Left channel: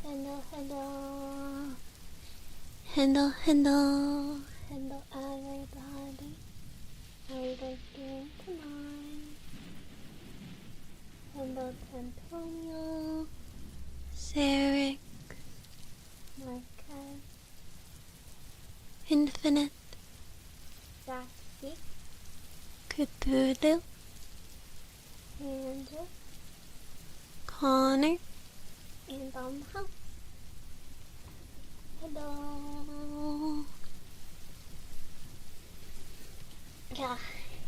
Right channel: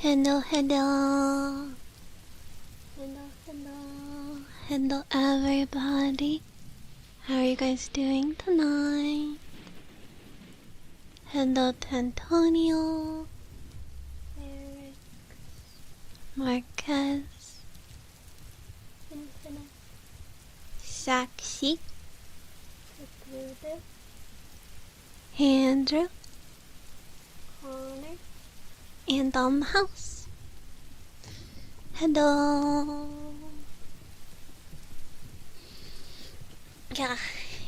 Hello, hello. Hello, hello. Hello, everybody. How are you guys doing tonight? Hello, Antonio, Sarek, Marquez, Infinite, Saxy, Cthulhu, Andrew, Connor, and on the house. Hello. Yeah,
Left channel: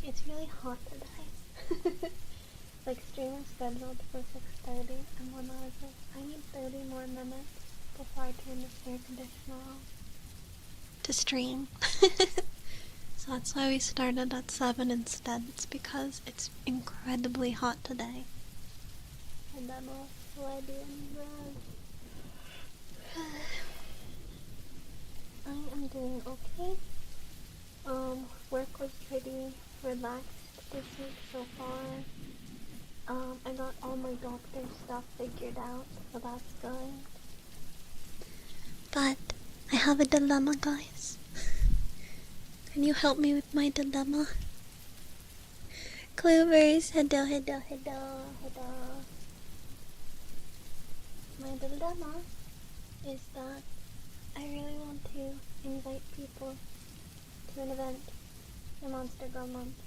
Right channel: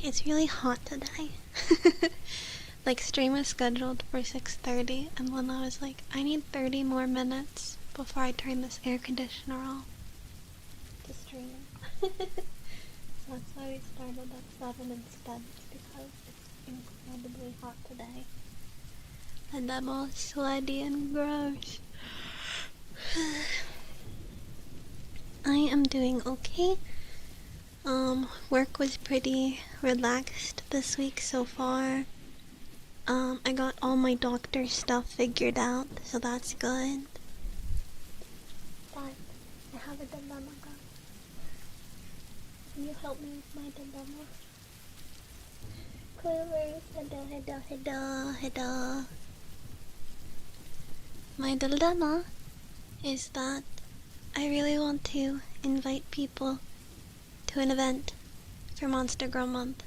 it's really hot today. Like, stream was scheduled for 6:30, and when I was like, I need 30 more minutes before I turn this air conditioner off to stream. So that's why we started at 7 instead. It's because it's incredibly hot today. And I'm all sweaty and gross. I am doing okay. Work was pretty relaxed this week so far. I got all my doctor stuff figured out, so that's good. But I have a dilemma, guys. Can you help me with my dilemma? Clovers, hello. My dilemma is that I really want to invite people to an event for Monster Girl Month,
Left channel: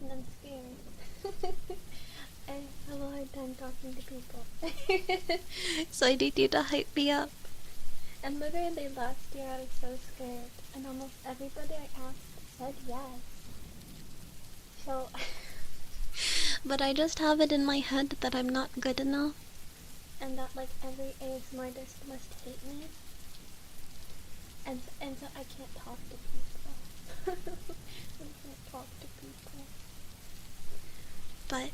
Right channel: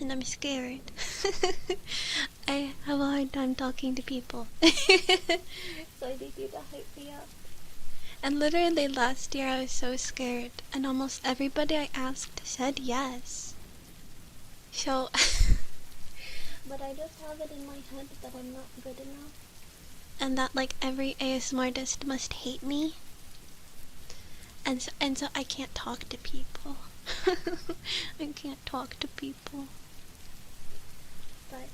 and I'm scared. I have a hard time talking to people. So I need you to hype me up. And literally last year I was so scared, and almost everybody I asked said yes. So, but I just have it in my head that I'm not good enough, and that like every ASMR artist must hate me. And so I can't talk to people. I can't talk to people. But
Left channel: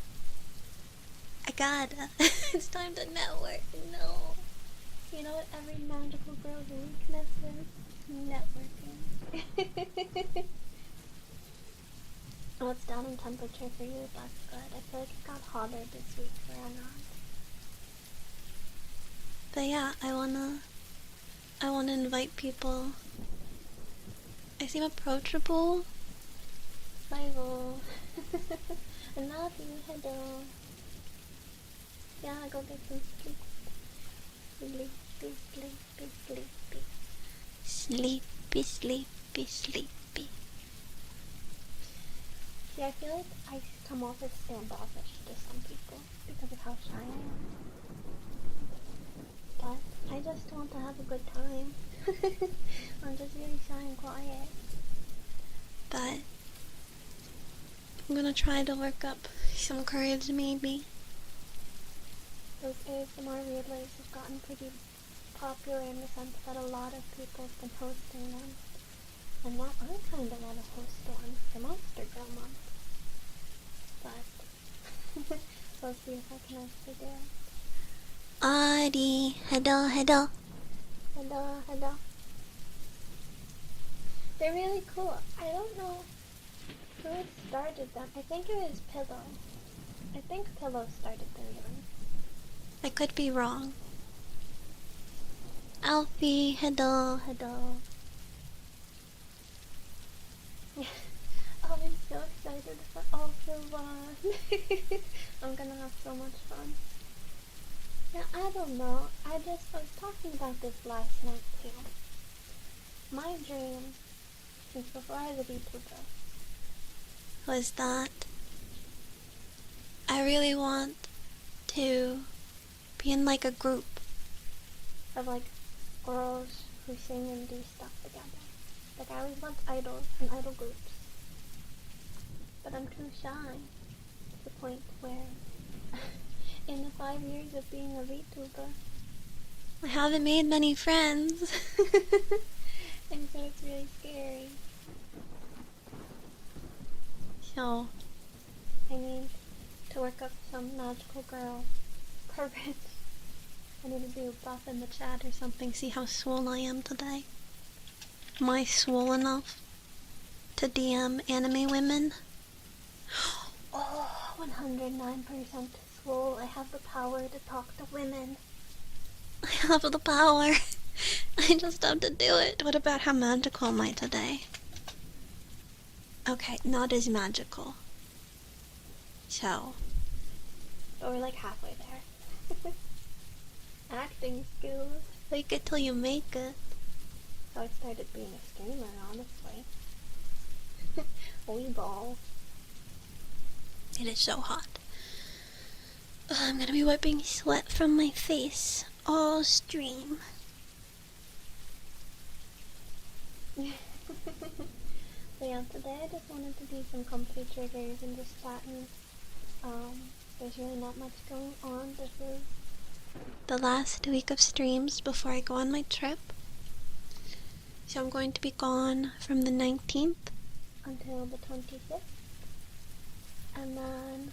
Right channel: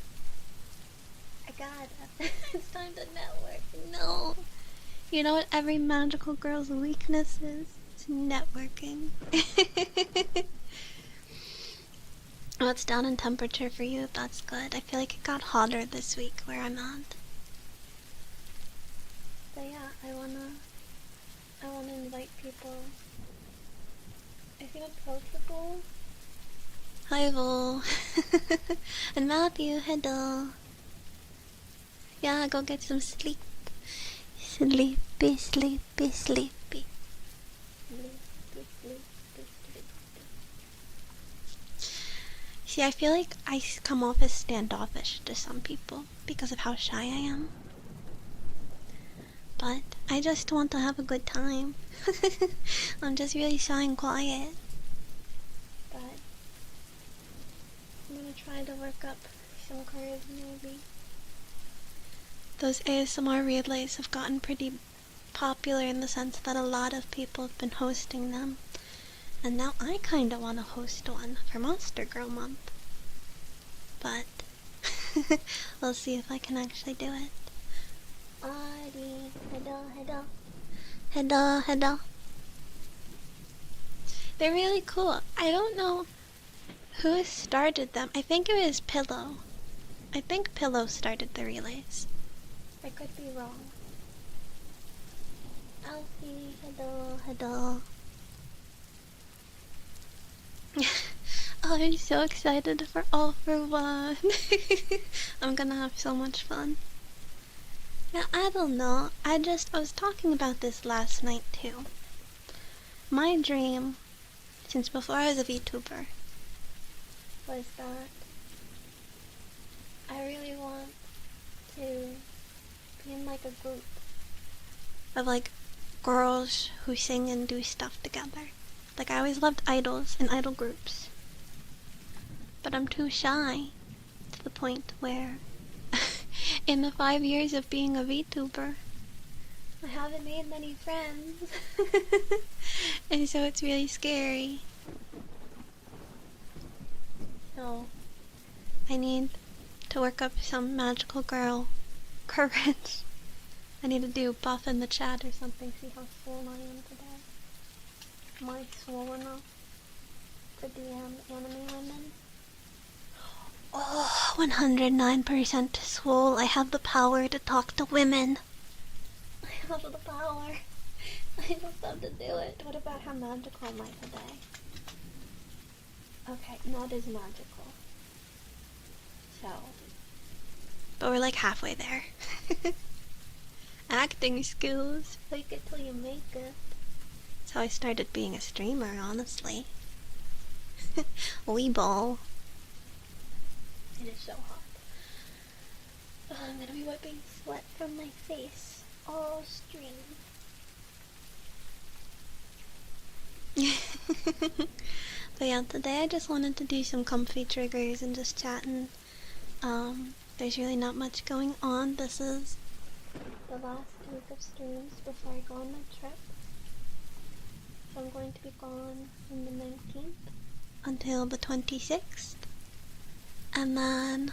I gotta. It's time to network. No. You know what every magical girl's weakness is? It's networking. Oh, it's down in temperature for you. That's good. I feel like it got hotter this week where I'm at. But yeah, I wanna invite people. I seem approachable. Hi, Vol. And Matthew, hello. Yeah, go get some sleep. Sleepy, sleepy, sleepy. Sleepy, sleepy, sleepy. See, I feel like I come off as standoffish to some people because of how shy I am. But I just want to have a good time. I'm just really shy and quiet. But I'm gonna try to work up some courage, maybe. Those ASMR relays have gotten pretty popular in the sense that a lot of people have been hosting them. And now I kinda wanna host one for Monster Girl Month. But we'll see if I can actually do it. Adi, hello. They're really cool. I don't know who started them. I think it was Pillow. I think Pillow started the relays. I could be wrong. Alfie, hello. Oh, I'm so excited for All for One. I'm gonna have so much fun. Yeah, I don't know. I was talking about this last night too. My dream, since before I was a VTuber, was that I really want to be in like a group of like girls who sing and do stuff together. Like, I always loved idols and idol groups. But I'm too shy to the point where in the 5 years of being a VTuber, I haven't made many friends. And so it's really scary. So I need to work up some magical girl courage. I need to do buff in the chat or something, see how swole I am today. Am I swole enough to DM anime women? Oh, 109% swole. I have the power to talk to women. I have the power. I just have to do it. What about how magical am I today? Okay, not as magical. So, but we're like halfway there. Acting skills. Fake it till you make it. That's how I started being a streamer, honestly. Weeball. It is so hot. I'm gonna be wiping sweat from my face all stream. But yeah, today I just wanted to do some comfy triggers and just chatting. There's really not much going on. This is the last week of streams before I go on my trip. So I'm going to be gone from the 19th until the 26th. And then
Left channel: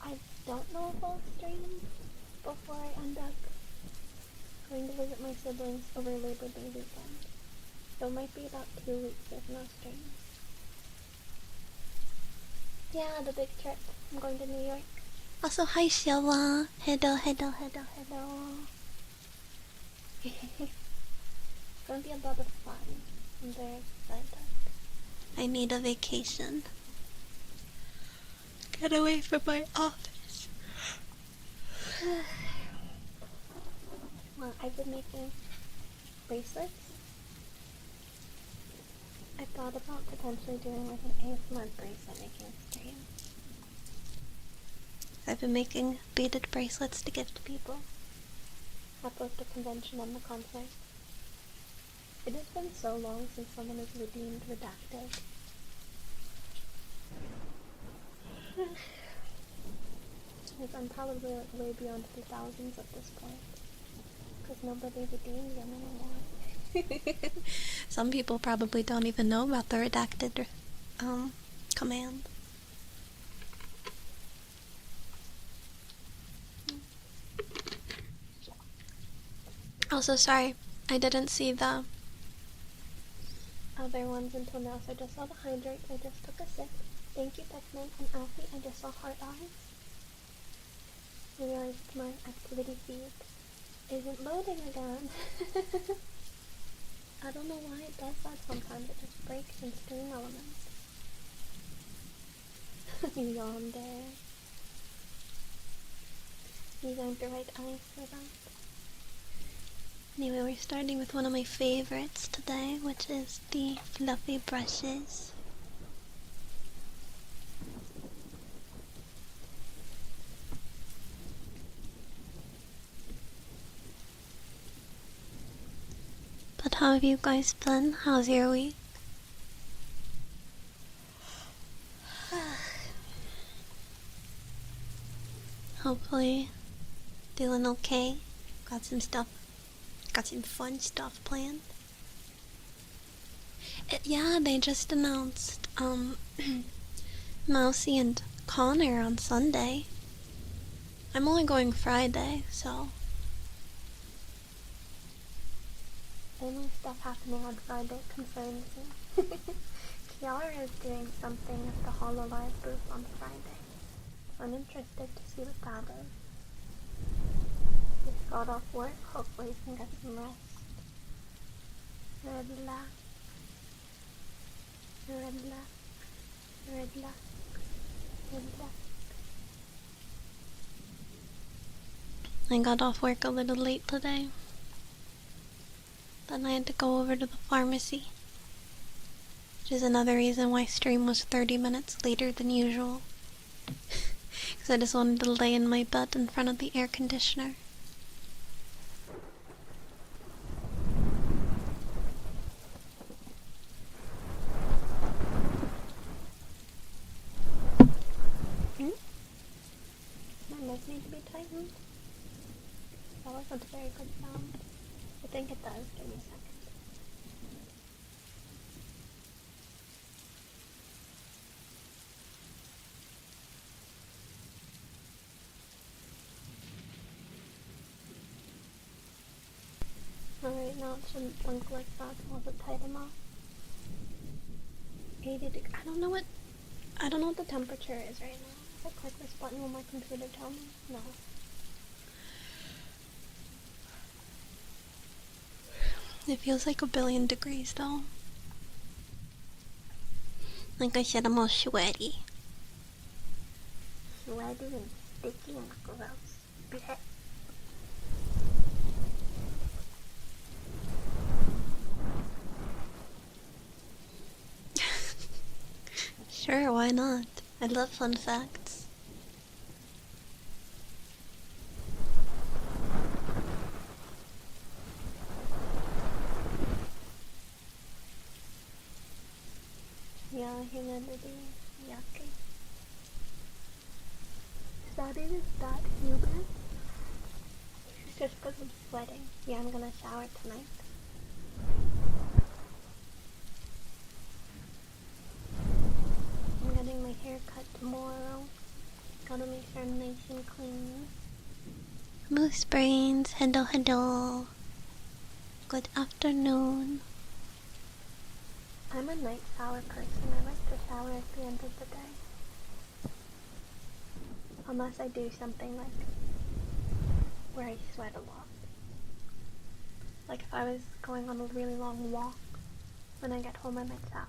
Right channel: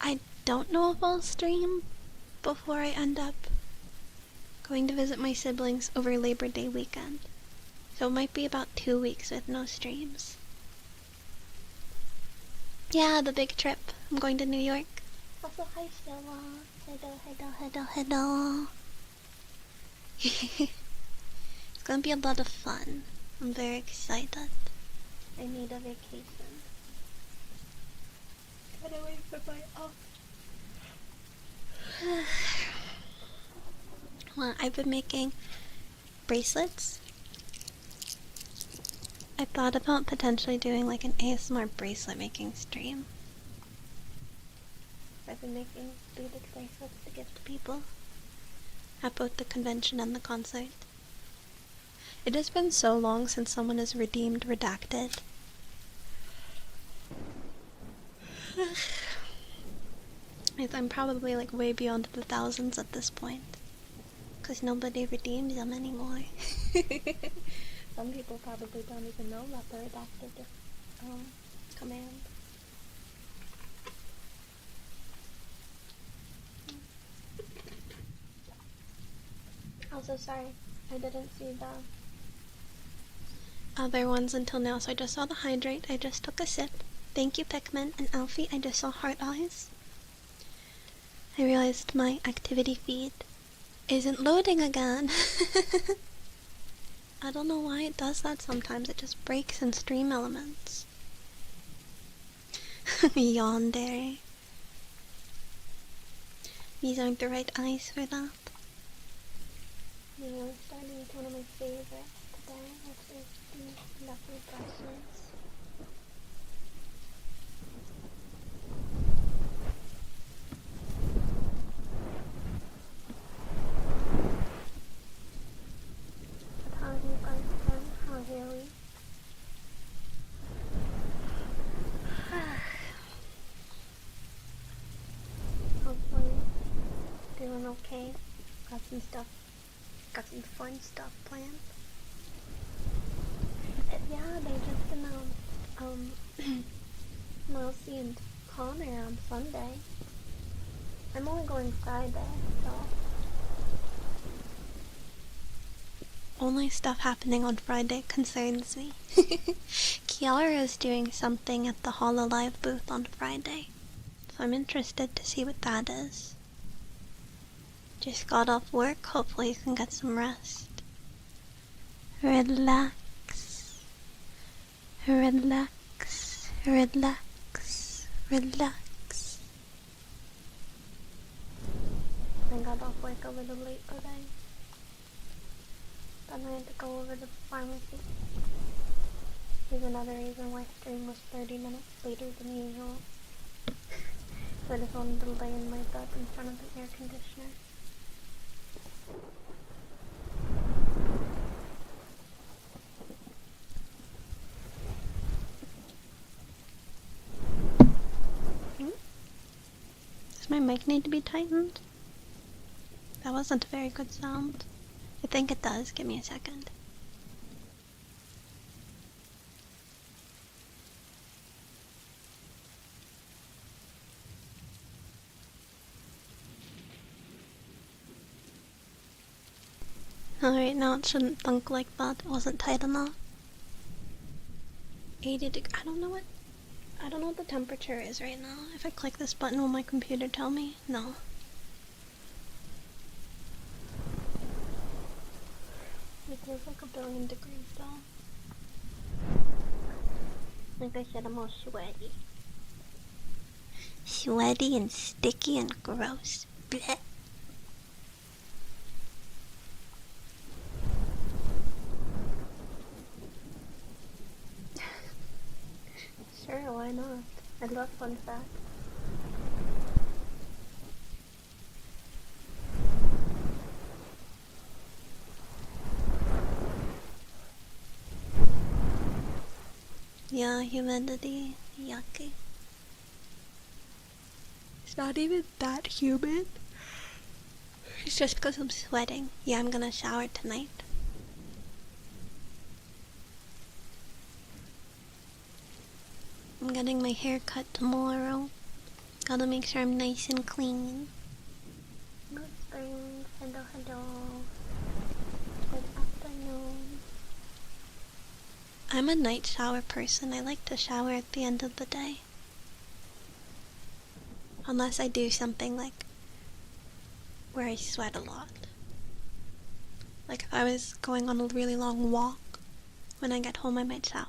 I don't know if I'll stream before I end up going to visit my siblings over Labor Day weekend. So it might be about 2 weeks with no streams. Yeah, the big trip. I'm going to New York. Also, hi Sheila. Hello. It's gonna be a lot of fun. I'm very excited. I need a vacation. Get away from my office. Well, I've been making bracelets. I thought about potentially doing like an ASMR bracelet making stream. I've been making beaded bracelets to give to people at both the convention and the concert. It has been so long since someone has redeemed Redacted. I'm probably like way beyond the thousands at this point, because nobody redeems them anymore. Some people probably don't even know about the Redacted command. Also, sorry, I didn't see the other ones until now, so I just saw the hydrate. I just took a sip. Thank you, Pikmin and Alfie. I just saw heart eyes. I realized my activity feed isn't loading again. I don't know why it does that sometimes. It just breaks in Stream Elements. Yandere. These aren't the right eyes for that. Anyway, we're starting with one of my favorites today, which is the fluffy brushes. But how have you guys been? How's your week? Hopefully feeling okay. Got some fun stuff planned. Yeah, they just announced Mousy and Connor on Sunday. I'm only going Friday, so only stuff happening on Friday concerns me. Kiara is doing something at the HoloLive booth on Friday, so I'm interested to see what that is. Just got off work, hopefully you can get some rest. Relax. Relax. Relax. Relax. I got off work a little late today. Then I had to go over to the pharmacy, which is another reason why stream was 30 minutes later than usual. Because I just wanted to lay in my bed in front of the air conditioner. Does my mic need to be tightened? That wasn't a very good sound. I think it does. Give me a second. Alright, now it shouldn't thunk like that. It wasn't tight enough. 80 degrees. I don't know what the temperature is right now. If I click this button, will my computer tell me? No. It feels like 1,000,000,000 degrees though. Like I said, I'm all sweaty. Sweaty and sticky and gross. Blech. Sure, why not? I love fun facts. Yeah, humidity. Yucky. It's not even that humid. It's just because I'm sweating. Yeah, I'm gonna shower tonight. I'm getting my hair cut tomorrow. Gotta make sure I'm nice and clean. Moose brains, hello, hello. Good afternoon. I'm a night shower person. I like to shower at the end of the day. Unless I do something like where I sweat a lot. Like if I was going on a really long walk, when I get home I might shower.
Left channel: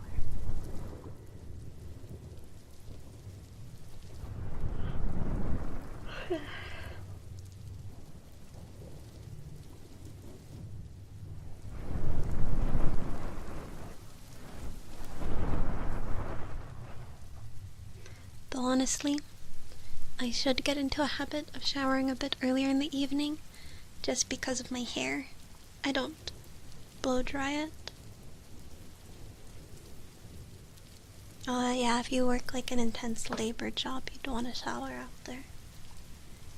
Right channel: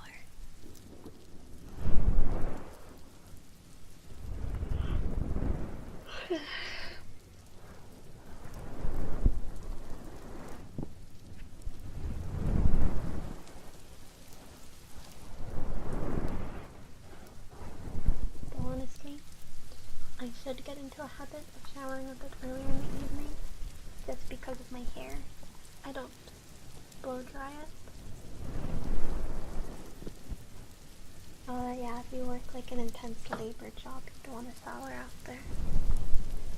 Though honestly, I should get into a habit of showering a bit earlier in the evening, just because of my hair. I don't blow dry it. Yeah, if you work like an intense labor job, you don't want to shower after.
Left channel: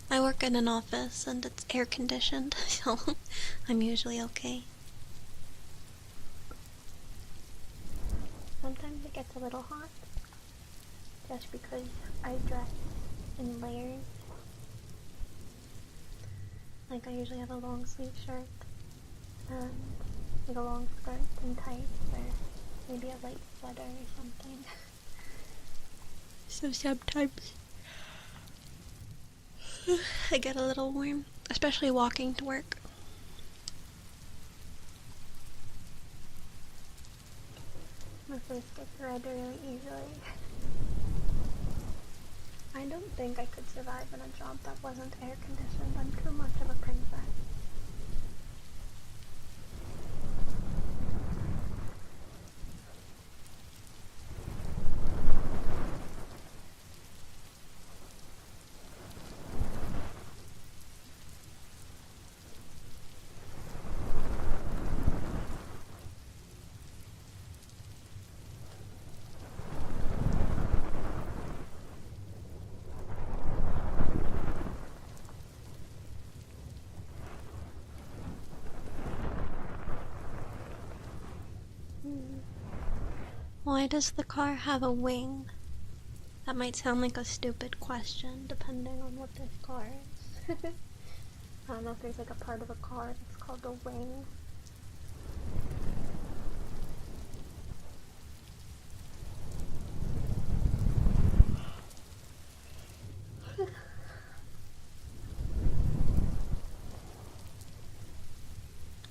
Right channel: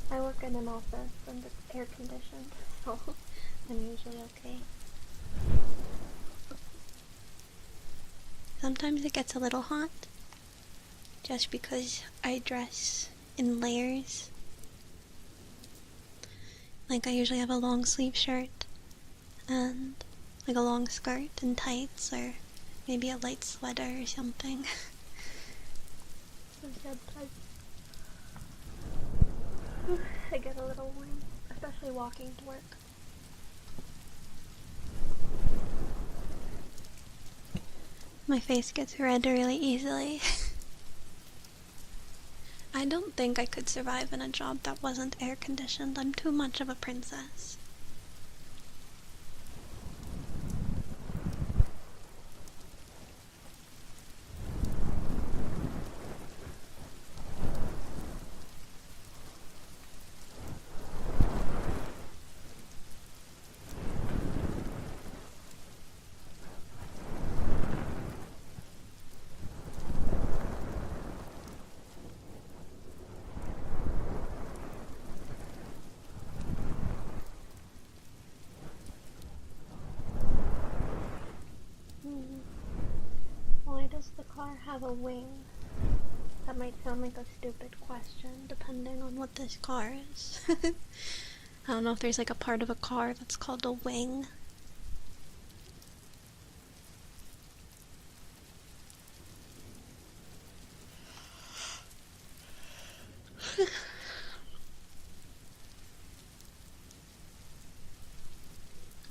I work in an office and it's air conditioned, so I'm usually okay. Sometimes it gets a little hot, just because I dress in layers. Like I usually have a long sleeve shirt and like a long skirt and tights, or maybe a light sweater or something. So sometimes I get a little warm, especially walking to work. My face gets red really easily. I don't think I could survive in a job that wasn't air conditioned. I'm too much of a princess. Why does the car have a wing? That might sound like a stupid question, depending on what this car is. I don't know if there's like a part of a car that's called a wing.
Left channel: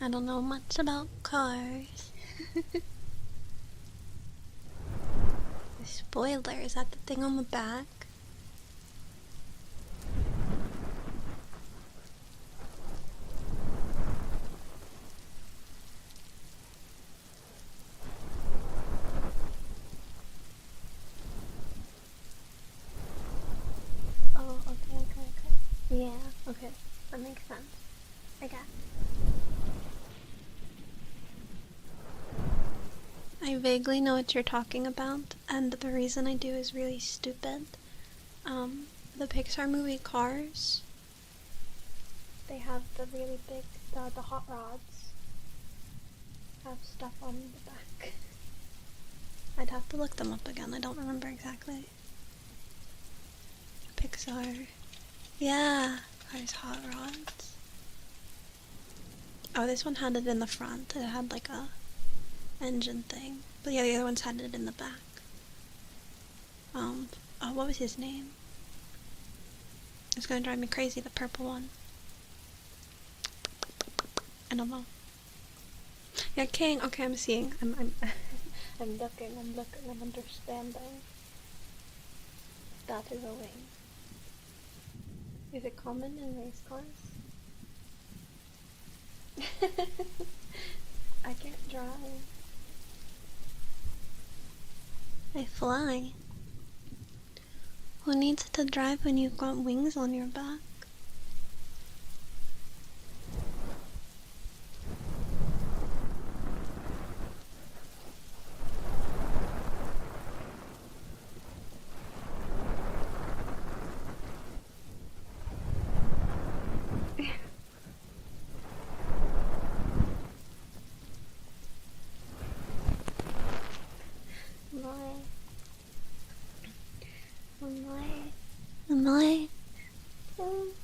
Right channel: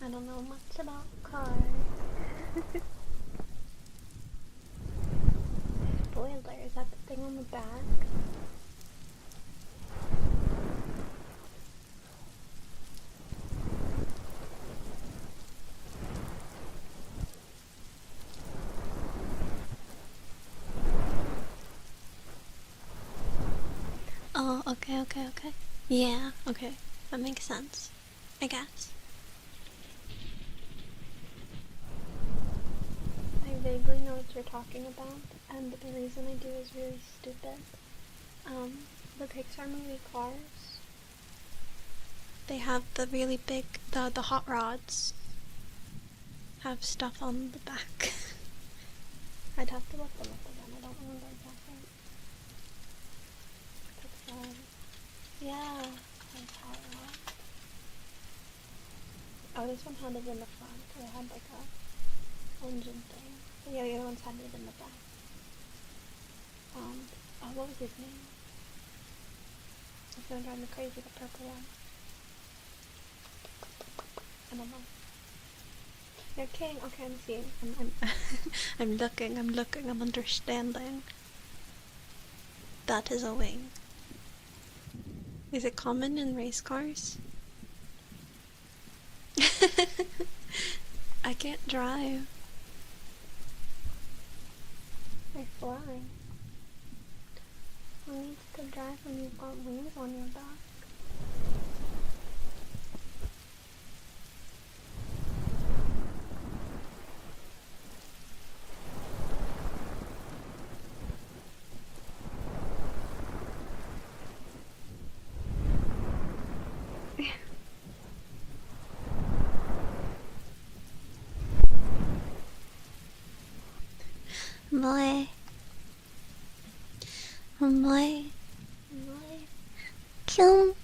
I don't know much about cars. Spoiler, is that the thing on the back? Oh, okay. Yeah, okay. That makes sense, I guess. I vaguely know what you're talking about, and the reason I do is really stupid. The Pixar movie Cars, they have the really big, the hot rods have stuff on the back. I'd have to look them up again, I don't remember exactly. Pixar. Yeah, Cars hot rods. Oh, this one had it in the front. It had like a engine thing. But yeah, the other ones had it in the back. Oh, what was his name? It's gonna drive me crazy, the purple one. I don't know. Yeah, king. Okay, I'm seeing. I'm I'm looking, I'm understanding. That is a wing. Is it common in race cars? I can't drive. I fly. Who needs to drive when you've got wings on your back? Boy. Boy. Boy. Kill.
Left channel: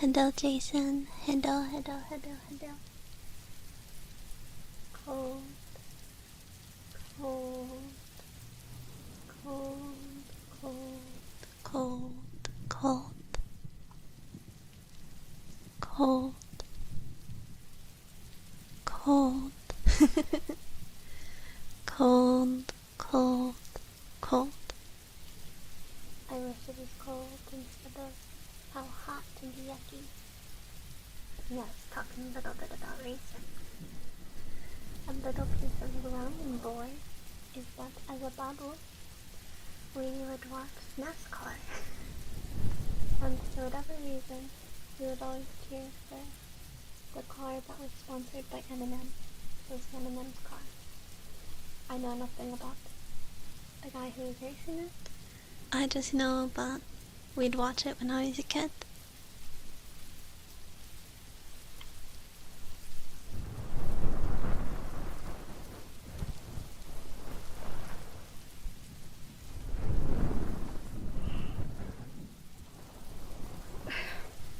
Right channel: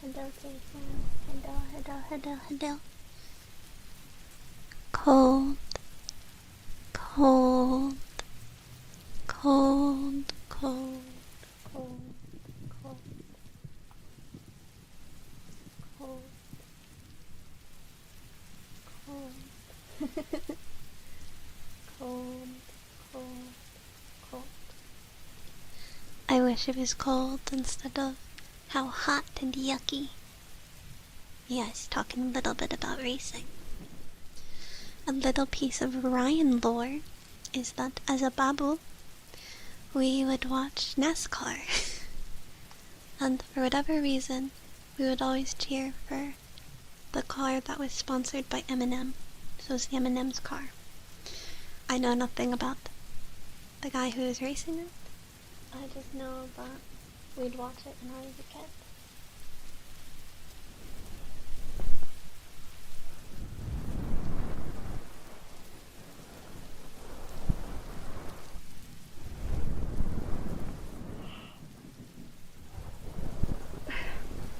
Hello, Jason. Hello. Cold. Cold. Cold. Cold. Cold. Cold. Cold. Cold. Cold. Cold. Cold. I wish it was cold instead of how hot and yucky. Yes, talking a little bit about racing. A little piece of Ryan lore is that as a babu, we would watch NASCAR. And for whatever reason, we would always cheer for the car that was sponsored by Eminem. So it's the Eminem's car. I know nothing about the guy who was racing it. I just know that we'd watch it when I was a kid.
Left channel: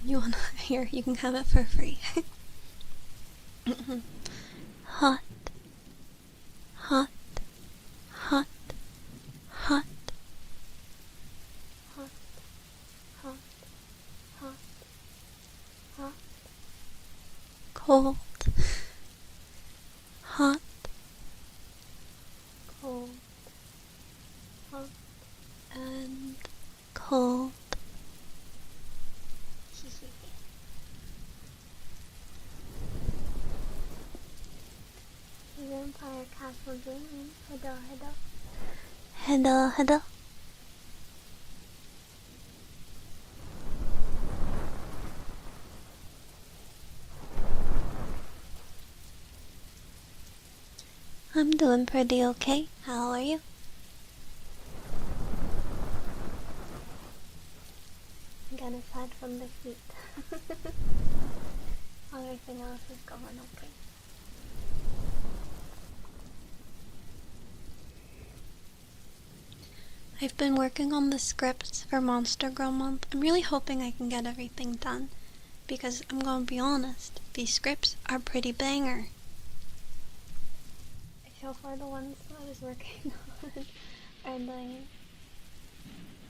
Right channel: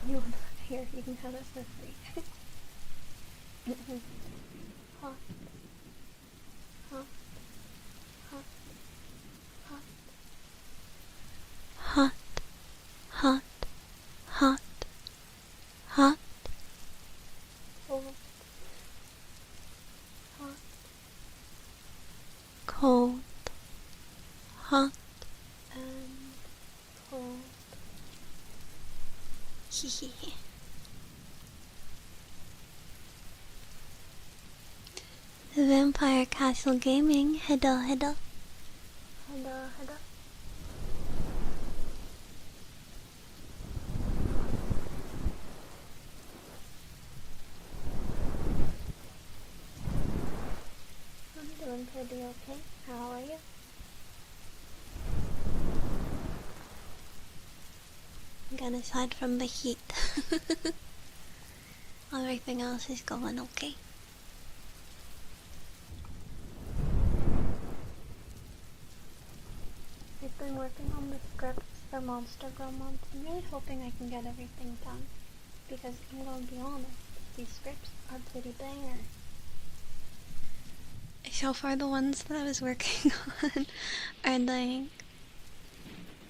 You wanna hear? You can have it for free. Hot. Hot. Hot. Hot. Hot. Hot. Hot. Hot. Cold. Hot. Cold. Hot. And cold. Hehehe. Vampire Castle Gaming. Hello. I'm doing pretty okay. How are you? Again, aside from the heat, everything else is going okay. I've been working on the scripts for Monster Girl Month. I'm really hoping I can get everything done, because I'm gonna be honest, these scripts are pretty banger. So far the ones that I was working on are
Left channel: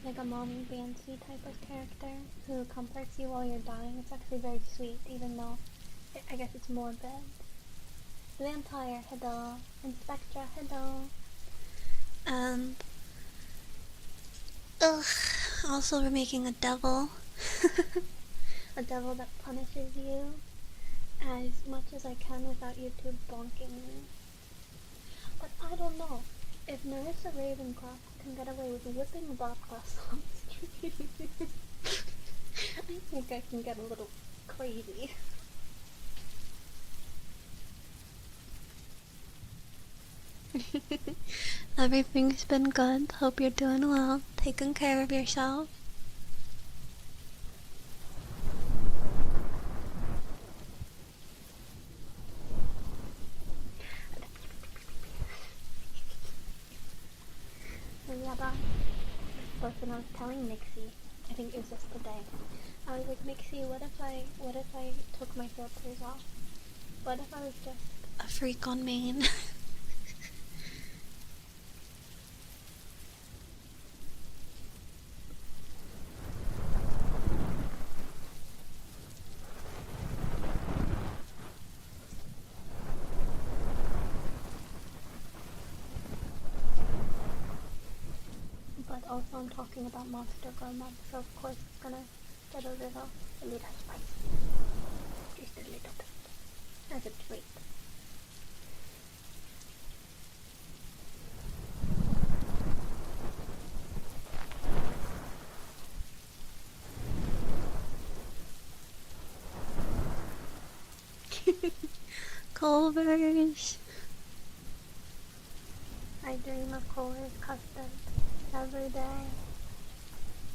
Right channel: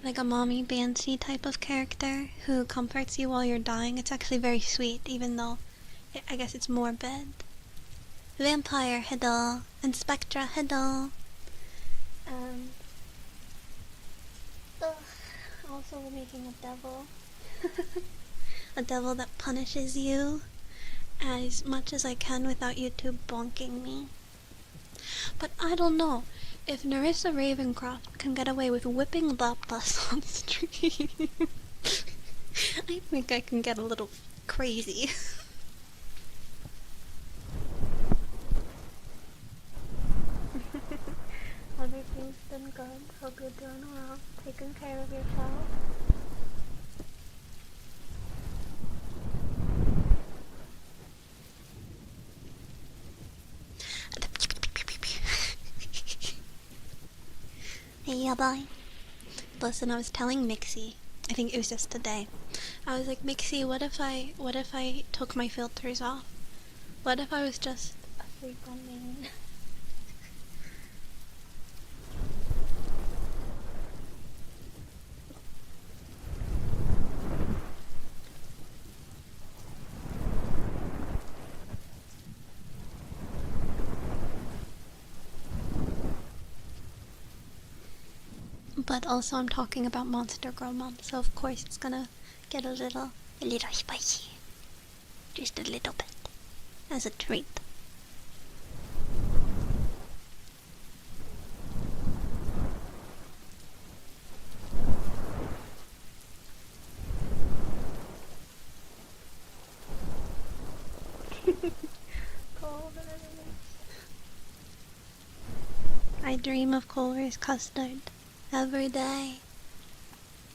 like a mommy Banshee type of character who comforts you while you're dying. It's actually very sweet, even though I guess it's morbid. Vampire, hello. And Spectra, hello. And also we're making a devil. A devil that punishes you as much as I can without YouTube bonking me. But I don't know. If Narissa Ravencroft can get away with whipping Lapras on stream, I think I can get a little crazy. Everything's been good. Hope you're doing well. Taking care of yourself. Yeah, bye. Listen, I was telling Mixie, I think it was just today. I was like, Mixie, what if I took my filters off? What if I was just a freak on main? But also I'm talking about Monster Girl Month, so of course it's gonna get a little spicy. Just a little bit. As a treat. Culver's. I dream of Culver's custard every day.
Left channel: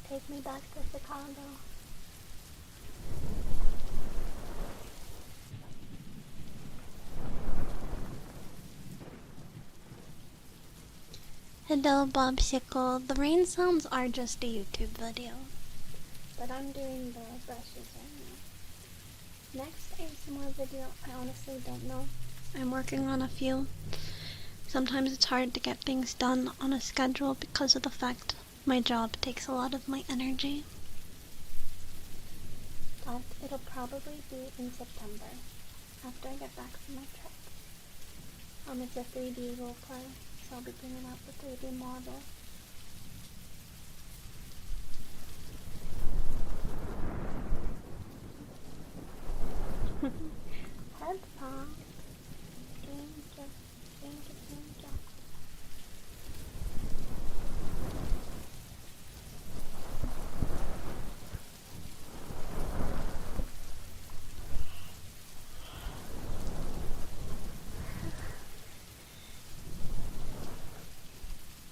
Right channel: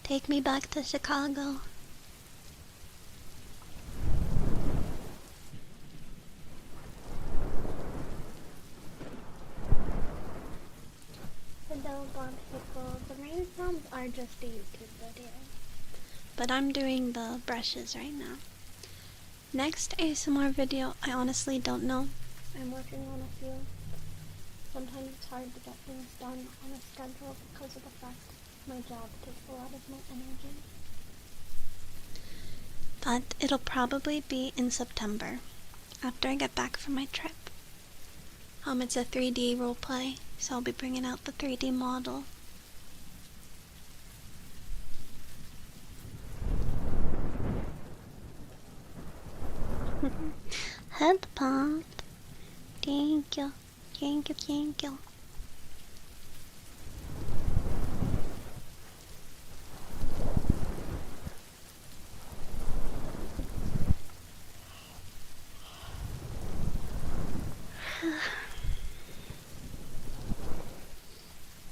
Take me back to Chicago. Hello, Bobsicle. The rain sounds are just a YouTube video, but I'm doing the brushes right now. Next ASMR video, I honestly don't know. I'm working on a few. Sometimes it's hard to get things done on a schedule because of the fact my job takes a lot of my energy. But it'll probably be in September, after I get back from my trip. It's a 3D roleplay, so I'll be bringing out the 3D model. Head pump. Thank you. Thank you, thank you.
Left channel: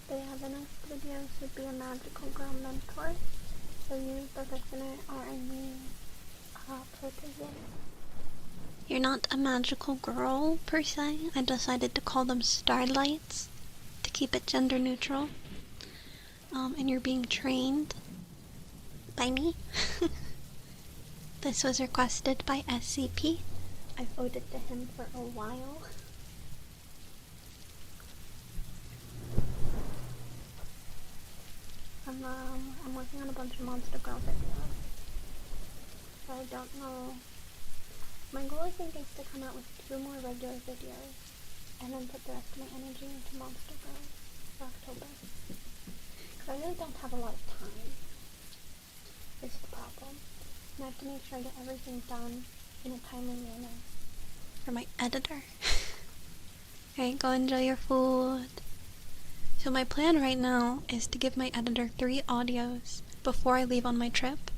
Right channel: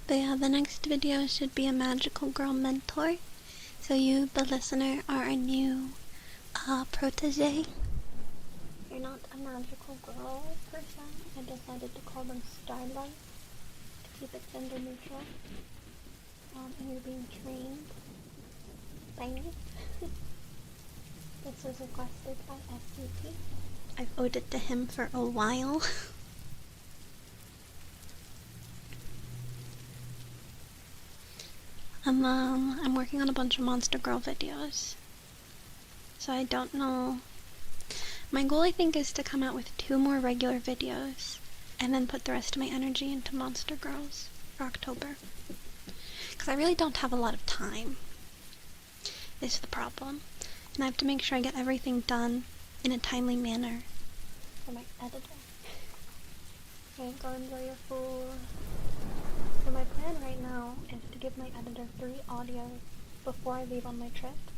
But yeah, the next video should be a magical girl mentor. So you, the listener, are a new protege. You're not a magical girl, per se. I decided to call them starlights to keep it gender neutral. And you're being trained by me. This was requested by SCP. I've owed it to him for a while. I'm working on a bunch of Monster Girl videos. So I don't know. My goal, I think, is to come out with 2 more regular videos and then put the rest of my energy into Monster Girls for October. Because I really don't have a lot of time, is the problem. And I have to make sure I get everything done in a timely manner for my editor. Okay, go enjoy your food. So my plan right now is to give my editor 3 audios before I leave on my trip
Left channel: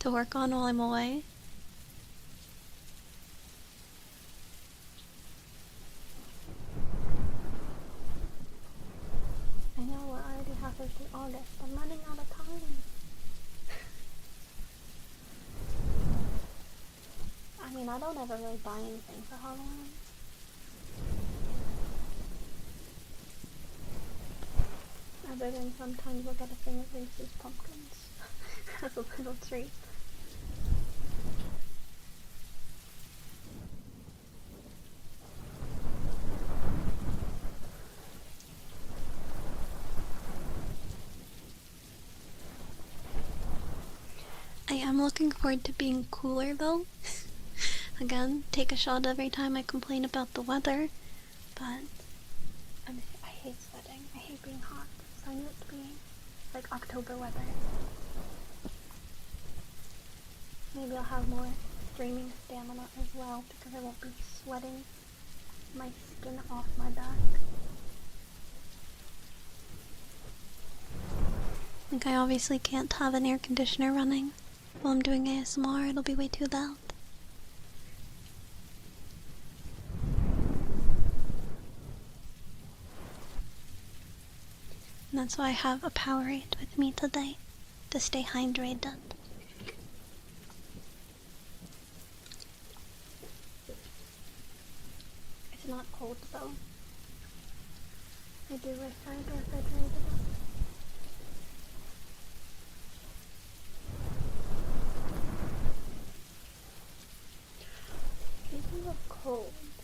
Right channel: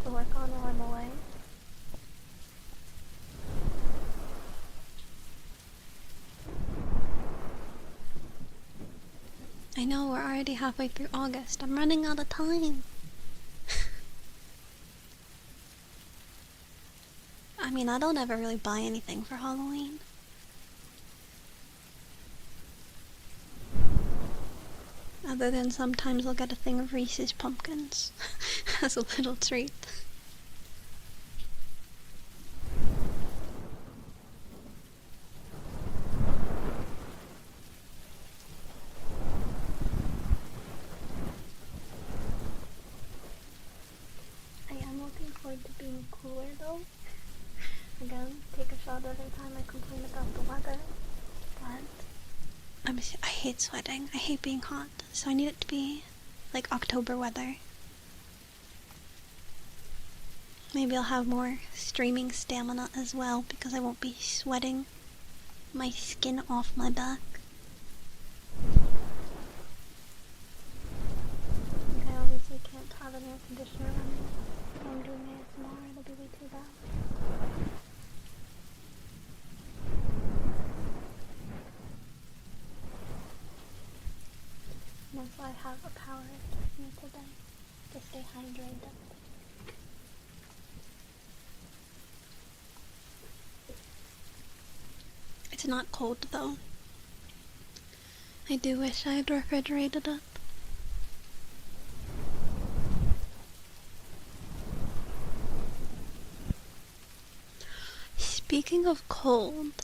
to work on while I'm away. I know, we're already halfway through August. I'm running out of time. I mean, I don't ever really buy anything for Halloween. Other than sometimes I'll get a thing of Reese's Pumpkins as a little treat. I am looking forward to being cooler though. Again, take a shot every time I complain about the weather, but I hate sweating. I hate being hot, so I need it to be like October weather. Maybe I'll have more streaming stamina as well because I won't be sweating my skin off my back. I think I obviously can't have an air conditioner running while I'm doing ASMR. It'll be way too loud. And that's why I have a Powerade with me today, to stay hydrated. It's not cold though. I do wish I had refrigerated it. Speaking of cold,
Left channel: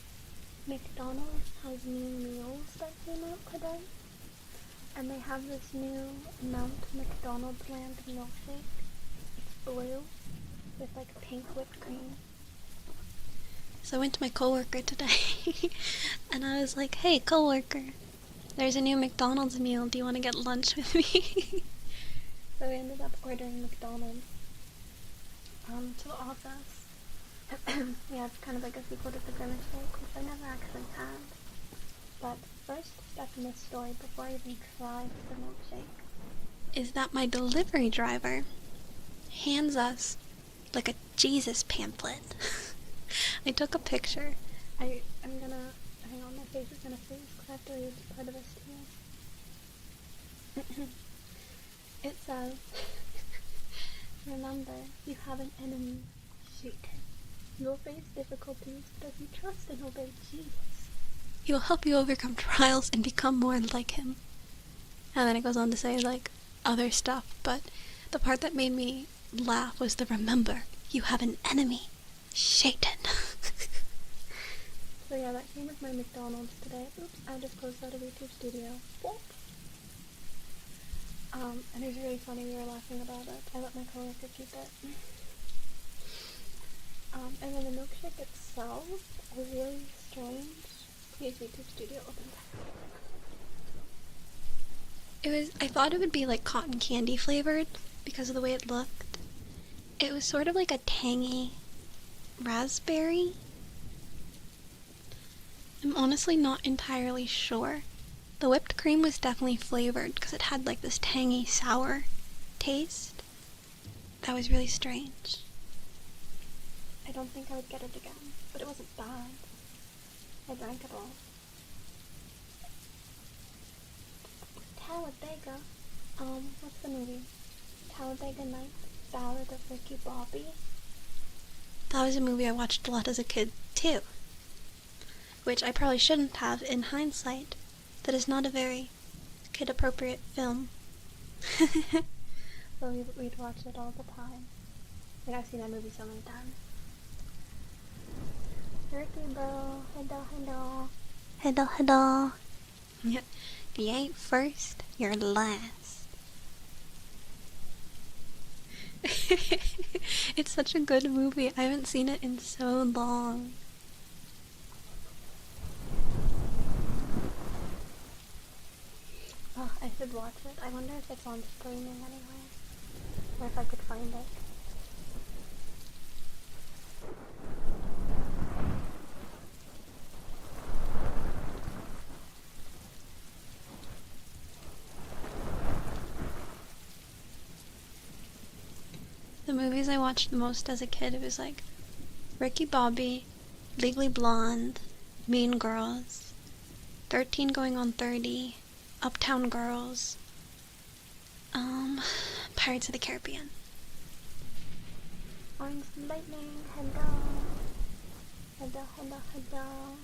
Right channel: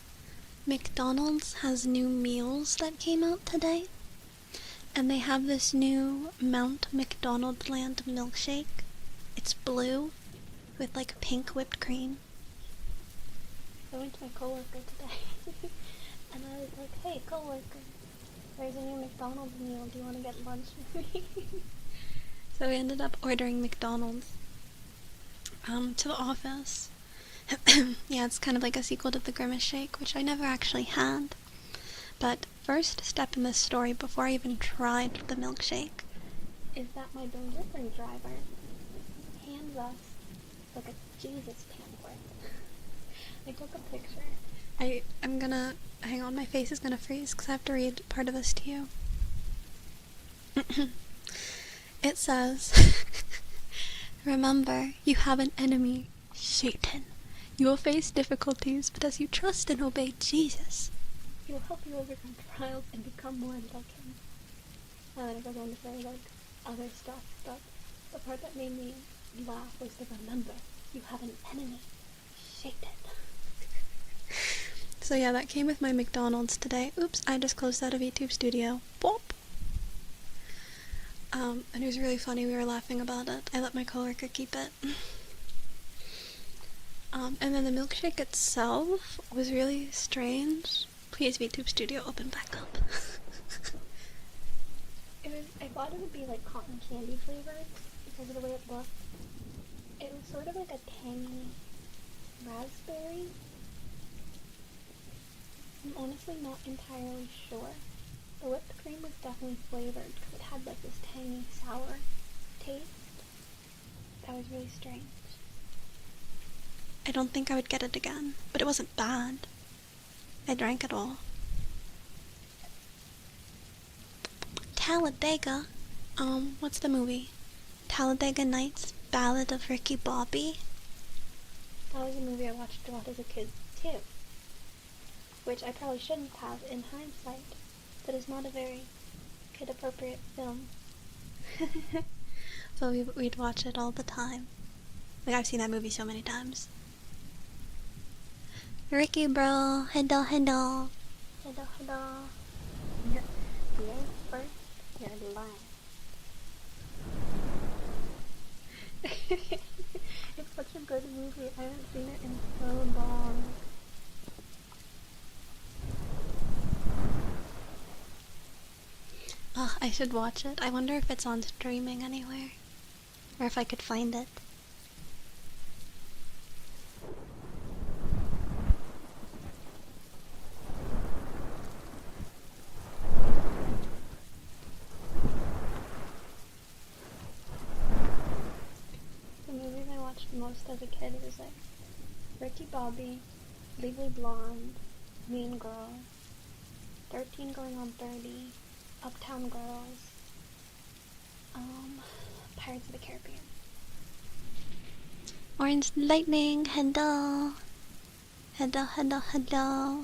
McDonald's has new meals that came out today. And they have this new Mount McDonald Land milkshake. It's blue with like pink whipped cream. So I went to my coworker today and I was like, hey coworker, there's a new McDonald's meal. Do you want to get lunch with me? So we ended up ordering McDonald's to the office. Yeah, it's kind of like a sequel to the Grimace Shake, which I never actually had. But first step in this story, before I even tried the milkshake, is that my delivery driver hands us like a Jesus pamphlet. I took a picture. I'm gonna, hang on, my face is gonna freeze because I have to read part of this to you. It says, remember, you have an enemy, Satan. You will face difficulties, but as you trust and obey Jesus, he will help you overcome trials and become more like him. And then it goes on to say, like, other stuff, but the part that made me laugh was the remember, you have an enemy, Satan. So yeah, that came with my McDonald's today. Oops, I just closed out of YouTube Studio. Boop. And it was really funny, we were laughing about it. I let my coworker keep it. And then the milkshake itself was really strange. Please, VTube Studio, open back up. I thought it would be like cotton candy flavored because of the way it looked. It was sort of like a tangy raspberry. I'm honestly not entirely sure. The whipped cream was definitely flavored because it had like this tangy sour taste. That was really strange. I don't think I would get it again, but it wasn't bad. I drank it all. Talladega? What's the movie? Talladega Nights, Ballad of Ricky Bobby? That was a movie I watched a lot as a kid, too. Which I probably shouldn't have in hindsight. That is not a very kid-appropriate film. So we'd watch it all the time. Like, I've seen that movie so many times. Ricky bro, hello, hello. Hello, hello. Yep. If you ain't first, you're last. It's such a good movie. I haven't seen it in so long. Ugh, I should watch it. I wonder if it's on streaming anywhere. Or if I could find it. The movies I watched the most as a kid, it was like Ricky Bobby, Legally Blonde, Mean Girls, 13 Going on 30, Uptown Girls, Pirates of the Caribbean. Orange Lightning, hello. Hello, hello, hello.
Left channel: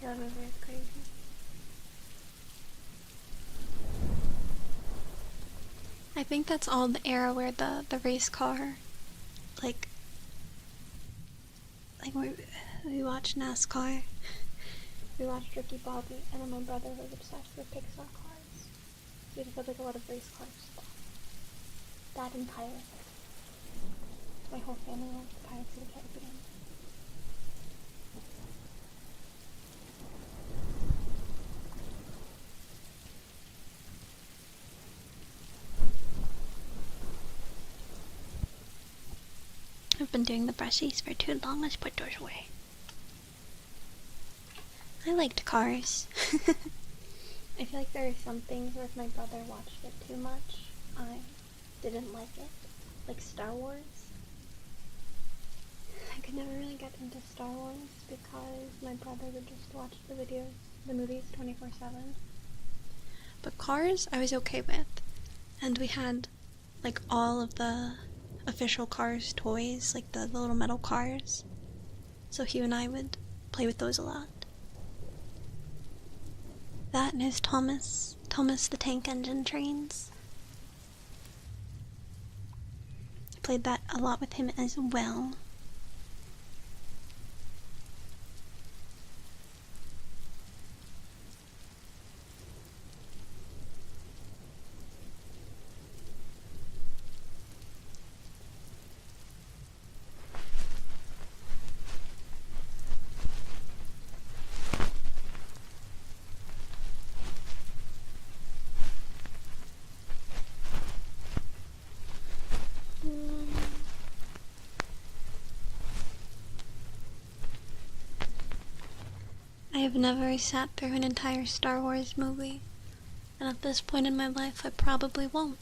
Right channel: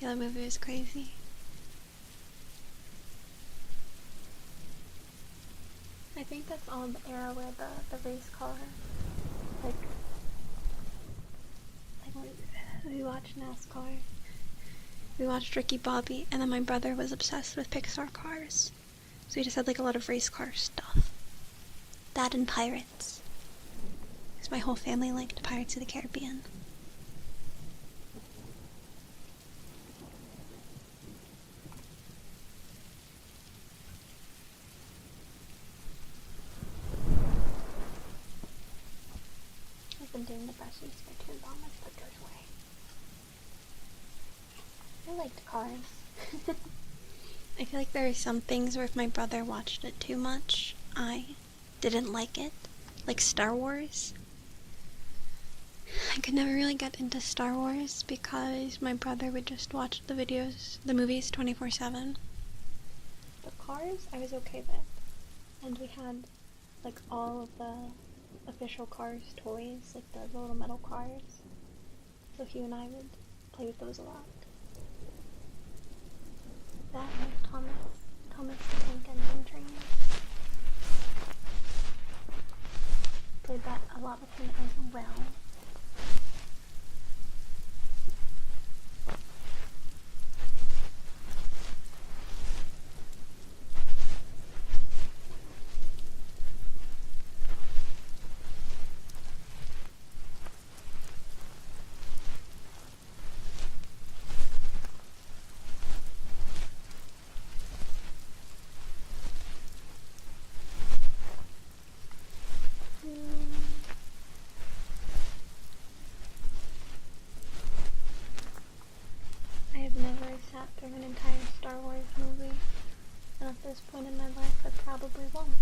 Yeah, that movie was crazy. I think that's all the era where the race car, like we watched NASCAR, we watched Ricky Bobby, and then my brother was obsessed with Pixar cars. So we just had like a lot of race car stuff. That and Pirates. Because my whole family liked Pirates of the Caribbean. I've been doing the brushies for too long. Let's put those away. I liked Cars. I feel like there are some things where if my brother watched it too much, I didn't like it. Like Star Wars. I could never really get into Star Wars because my brother would just watch the movies 24/7. But Cars, I was okay with. And we had like all of the official Cars toys, like the little metal cars. So he and I would play with those a lot. That and his Thomas the Tank Engine trains. I played that a lot with him as well. I've never sat through an entire Star Wars movie, and at this point in my life, I probably won't.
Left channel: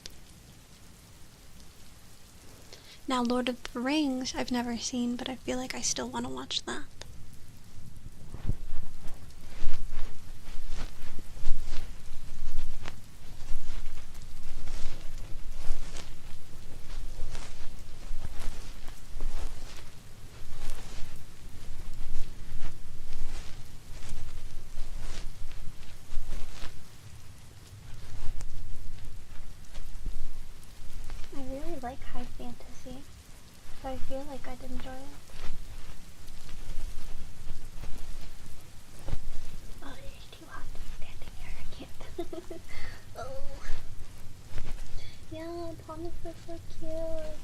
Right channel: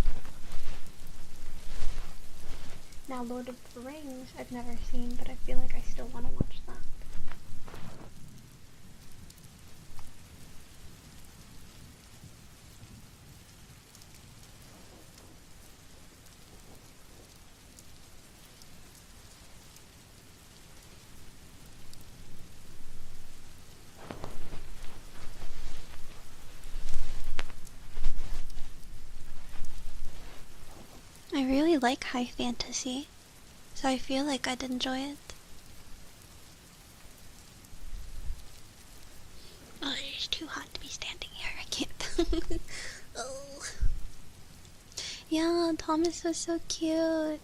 Now, Lord of the Rings, I've never seen, but I feel like I still want to watch that. I really like high fantasy, so I feel like I'd enjoy it. Oh, it's too hot to be standing here. I can't. Oh. Yeah, Thomas was so cute.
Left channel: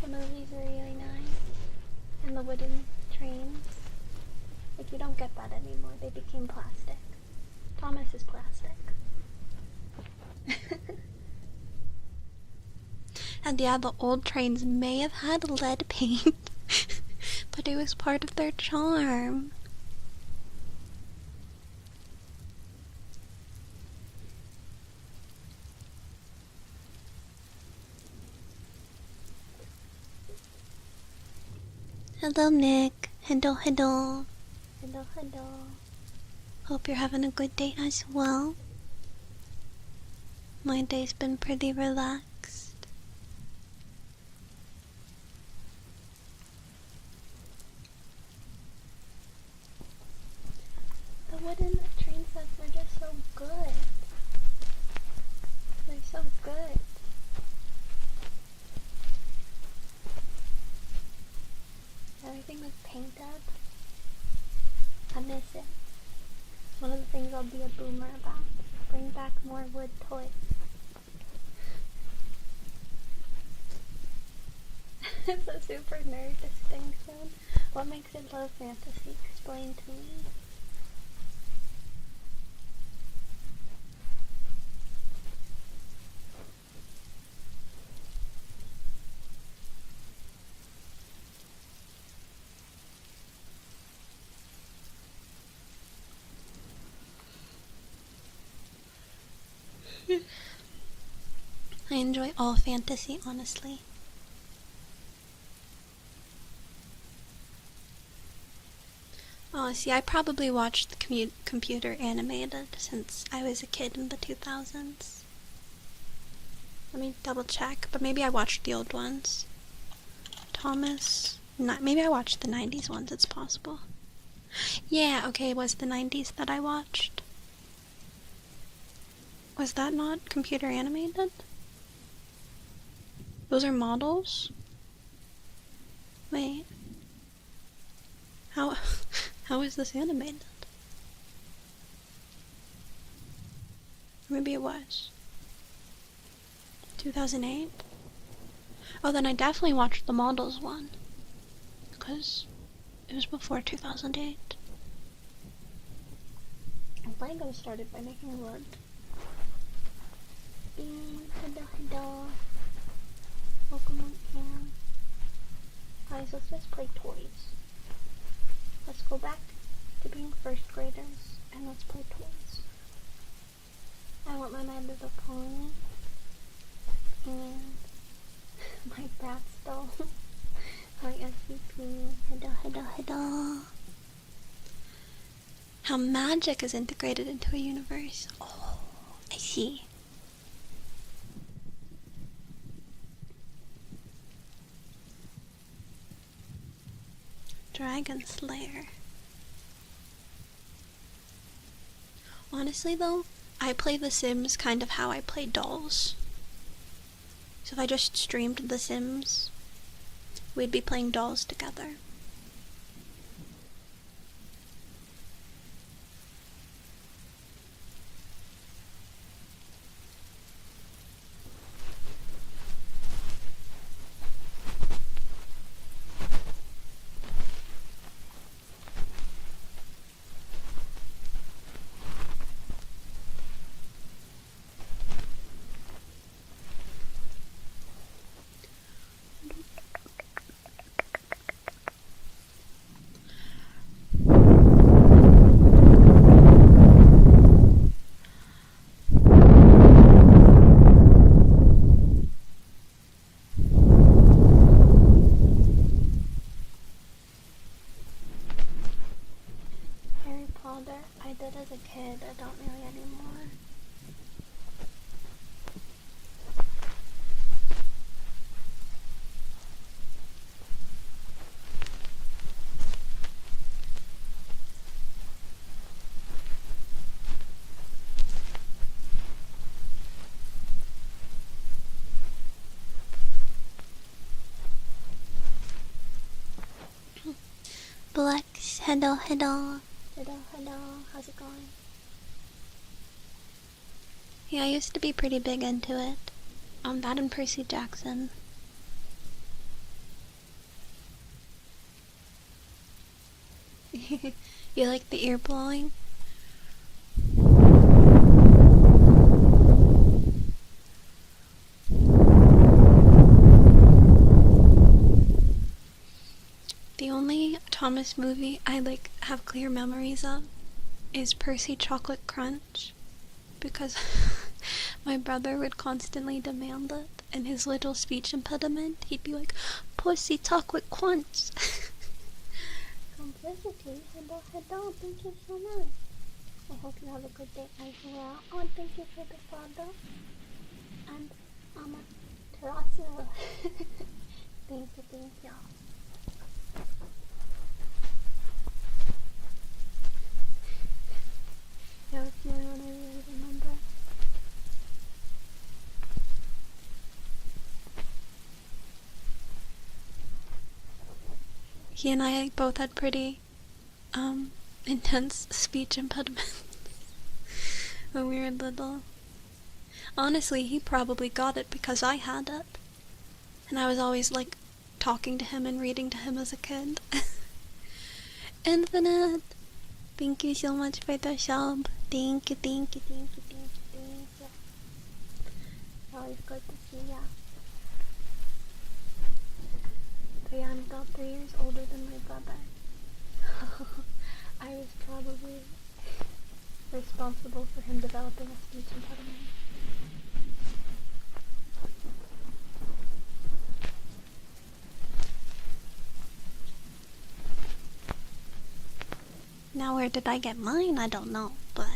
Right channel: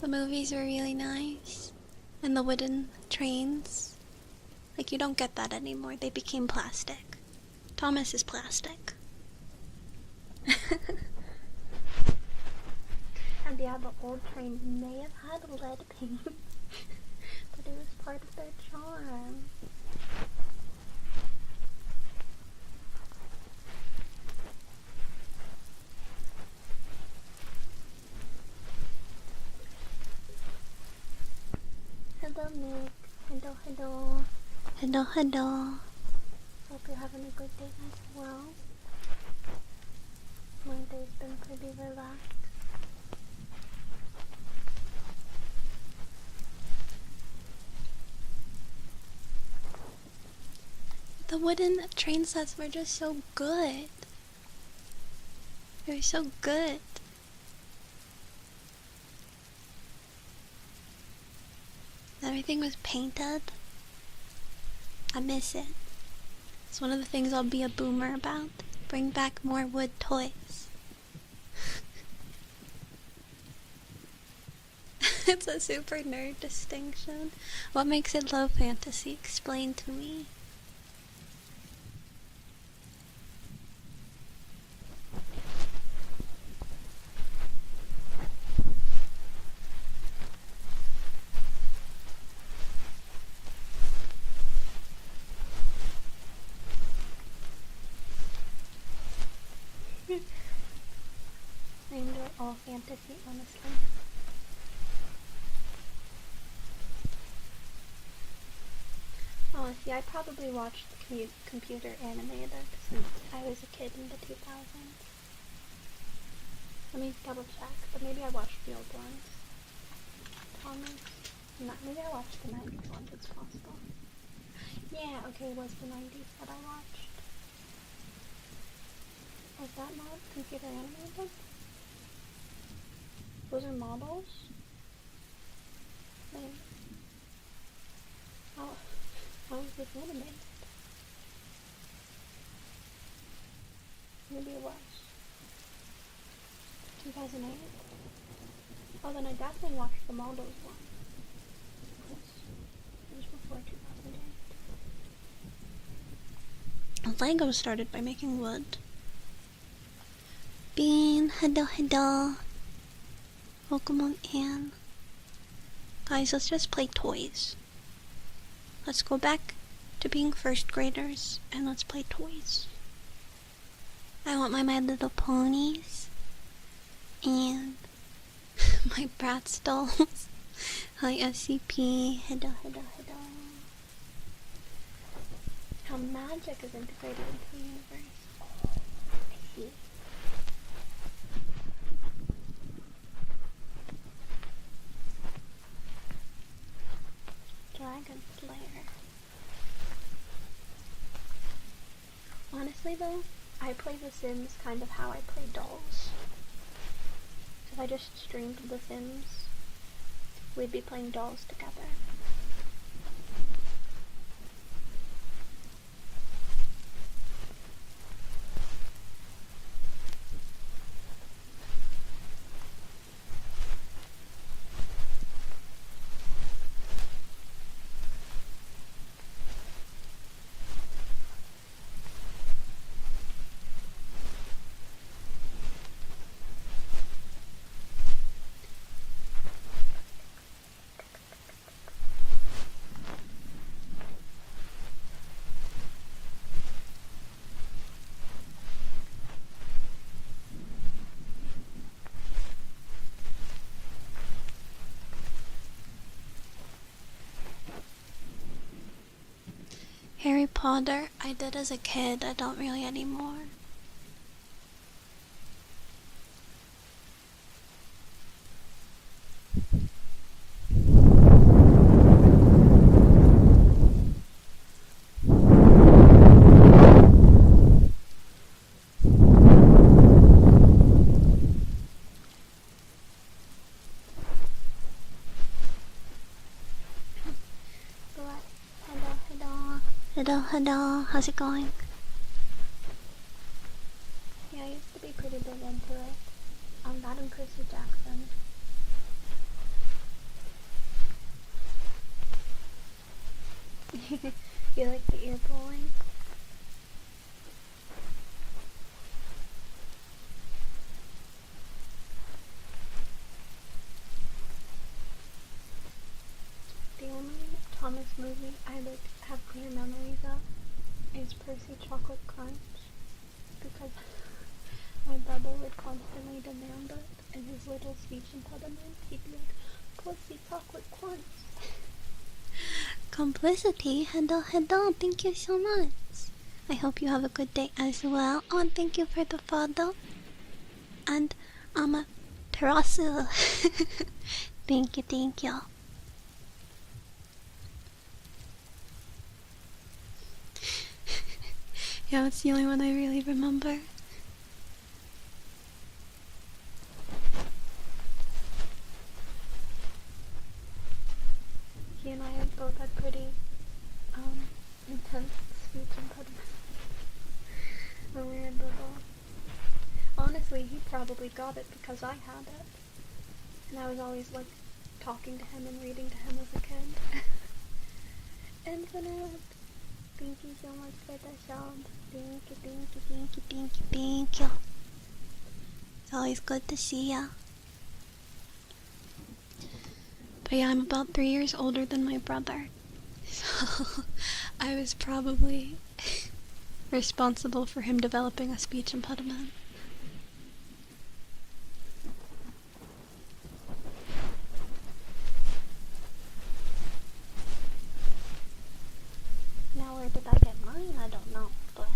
The movies were really nice. And the wooden trains. Like, you don't get that anymore. They became plastic. Thomas is plastic. And yeah, the old trains may have had lead paint, but it was part of their charm. Hello, Nick. Hello, hello. Hello, hello. Hope you're having a good day as well. My day's been pretty relaxed. The wooden train sets were just so good. They were so good. Everything was painted. I miss it. It's one of the things I'll be a boomer about. Bring back more wood toys. It's a super nerd distinction. What makes it low fantasy? Explain to me. I enjoy all fantasy, honestly. Oh, see, I probably watched the computer animated since I was a kid in the 2000s. Let me double check, but maybe I watched the old ones. Thomas? Maybe I watched the 90s ones, it's possible. Yeah, okay, it was the 90s that I watched. Was that not computer animated? Those are models? Wait. How is this animated? Maybe it was. 2008? Oh, then I definitely watched the models one. Because it was before 2008. Lego started by making wood. Bean, hello, hello. Welcome on in. Guys, let's just play toys. Let's go back to being first graders and let's play toys. I want My Little Ponies and my Bratz dolls. Hi SCP, hello, hello, hello. How magic is integrated into a universe. Oh, I see. Dragon Slayer. Honestly though, I play The Sims kind of how I play dolls. So if I just streamed The Sims, we'd be playing dolls together. Potter, I did as a kid. I don't really anymore. Blex, hello, hello, hello, hello, how's it going? Yeah, I used to be pretty big into it. That and Percy Jackson. You like the ear blowing? The only Thomas movie I have clear memories of is Percy Chocolate Crunch, because my brother would constantly demand it, and his little speech impediment, he'd be like, Percy Chocolate Crunch. Complicity, hello, hello, thank you so much. I hope you have a good day as well. Oh, and thank you for the follow. And, Terasu. Thank you, thank you. Yeah, it's the only one I really remember. He and I both had pretty, intense speech impediment when we were little. Honestly, he probably got it because I had it. And I was always, talking to him and reading to him as a kid. Infinite! Thank you so much for the sub. Thank you, thank you, thank you, thank you, thank you. It's always good to see ya. But yeah, I'm about 3 years older than my brother. So I was probably responsible for him developing a speech impediment. Now where did I get mine? I don't know, but...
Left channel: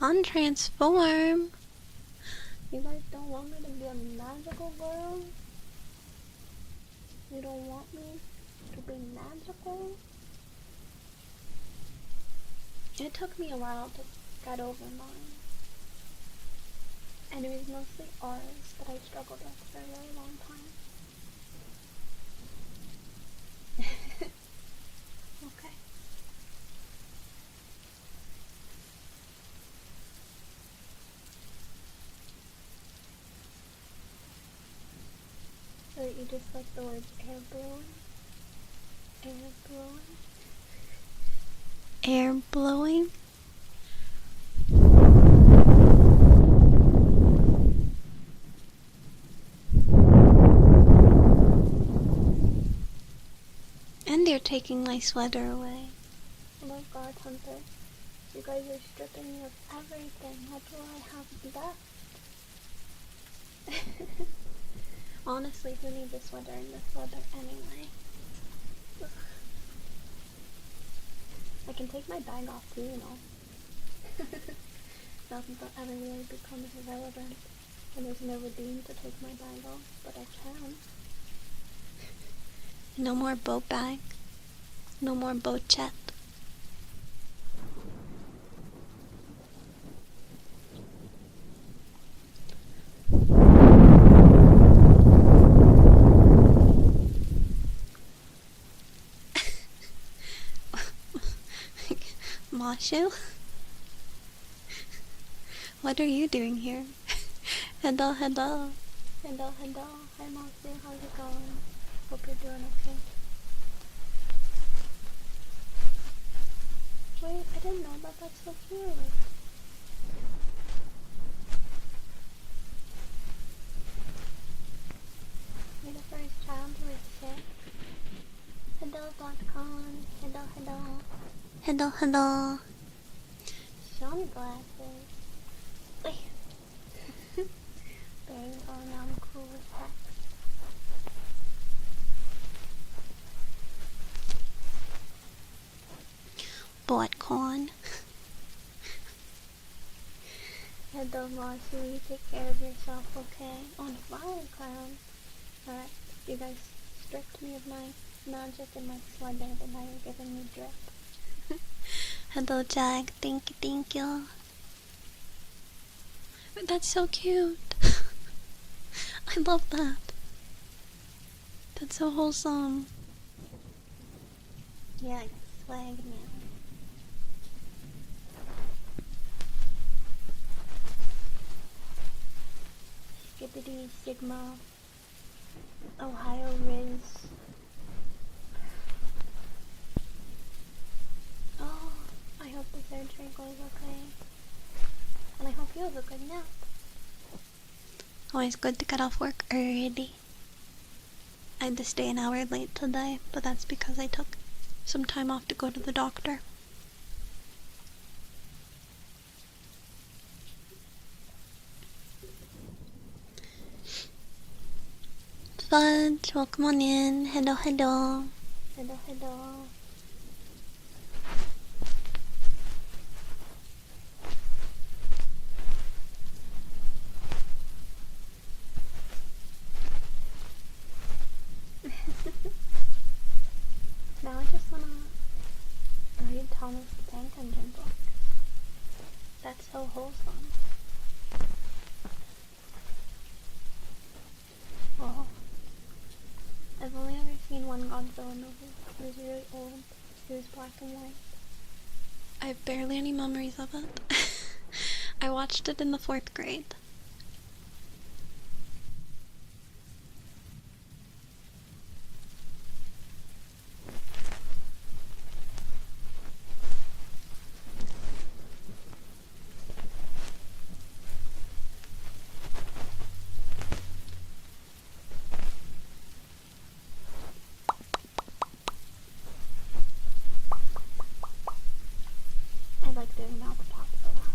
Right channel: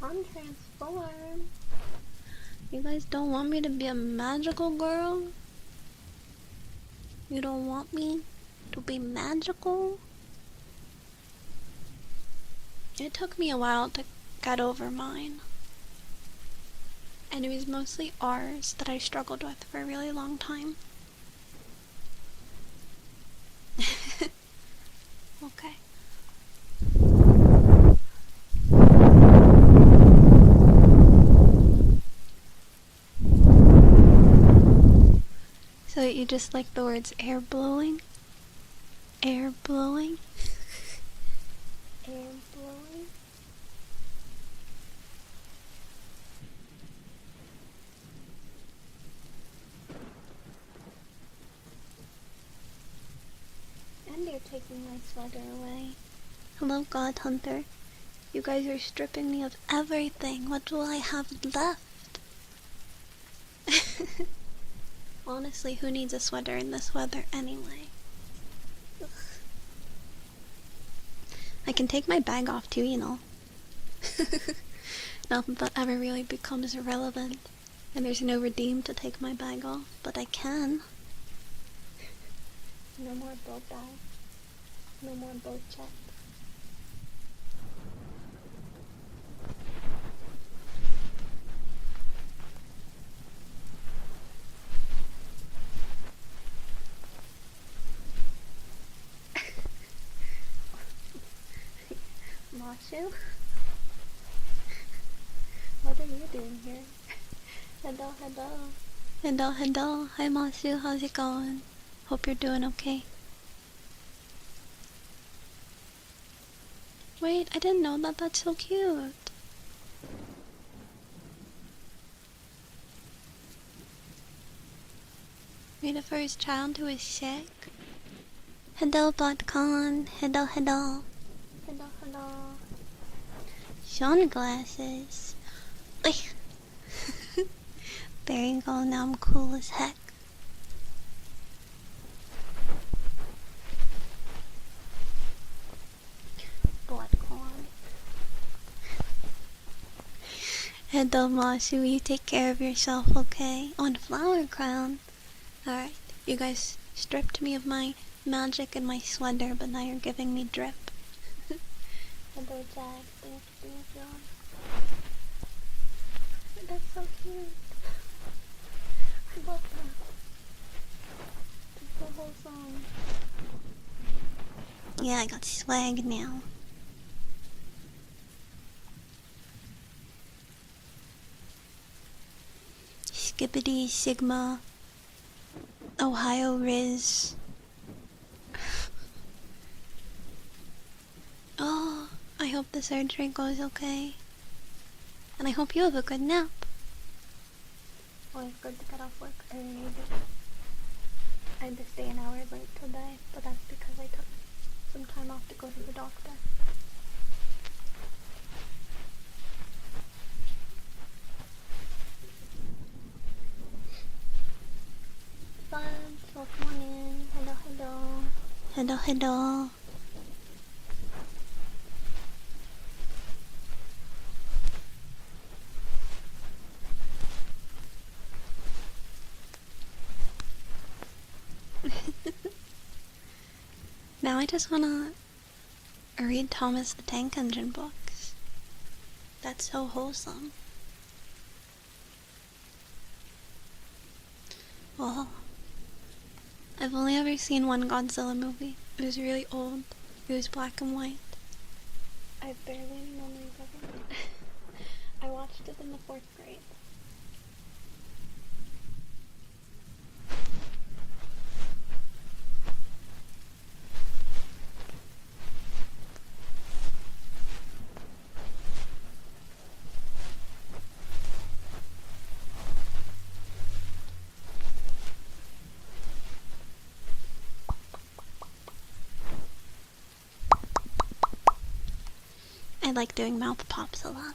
Untransform! You guys don't want me to be a magical girl? You don't want me to be magical? It took me a while to get over mine. And it was mostly R's that I struggled with for a really long time. Okay. So you just like the words air blowing? Air blowing? Air blowing? And you're taking my sweater away. Hello, God Hunter. You guys are stripping me of everything. What will I have left? Honestly, who needs a sweater in this weather anyway? Ugh. I can take my bag off too, you know. Nothing that ever really becomes irrelevant. And there's no redeem to take my bag off, but I can. No more boat bag. No more boat chat. Mashu? What are you doing here? Hello, hello. Hello, hello. Hi, Mashu. How's it going? Hope you're doing okay. Wait, I didn't know that. That's so cute. You're the first child who is sick. Hello, BotCon. Hello, hello. Hello, hello. Sunglasses. There you go, now I'm cool as heck. sport corn. And Mossy, will you take care of yourself, okay? On Flower Crown. Alright, you guys stripped me of my magic and my sweater, but now you're giving me drip. Hello, Jag. Thank you, thank you. That's so cute. I love that. That's so wholesome. Yeah, I got swag now. Skippity Sigma. Ohio Riz. Oh, I hope the surgery goes okay. And I hope you have a good nap. Always good to get off work early. I had to stay an hour late today, but that's because I took some time off to go to the doctor. Fudge, welcome on in. Hello, hello. Hello, hello. Now I just wanna read Thomas the Tank Engine books. That's so wholesome. Well, I've only ever seen one Godzilla movie. It was really old. It was black and white. I have barely any memories of it. I watched it in the 4th grade. I like doing mouth pops a lot.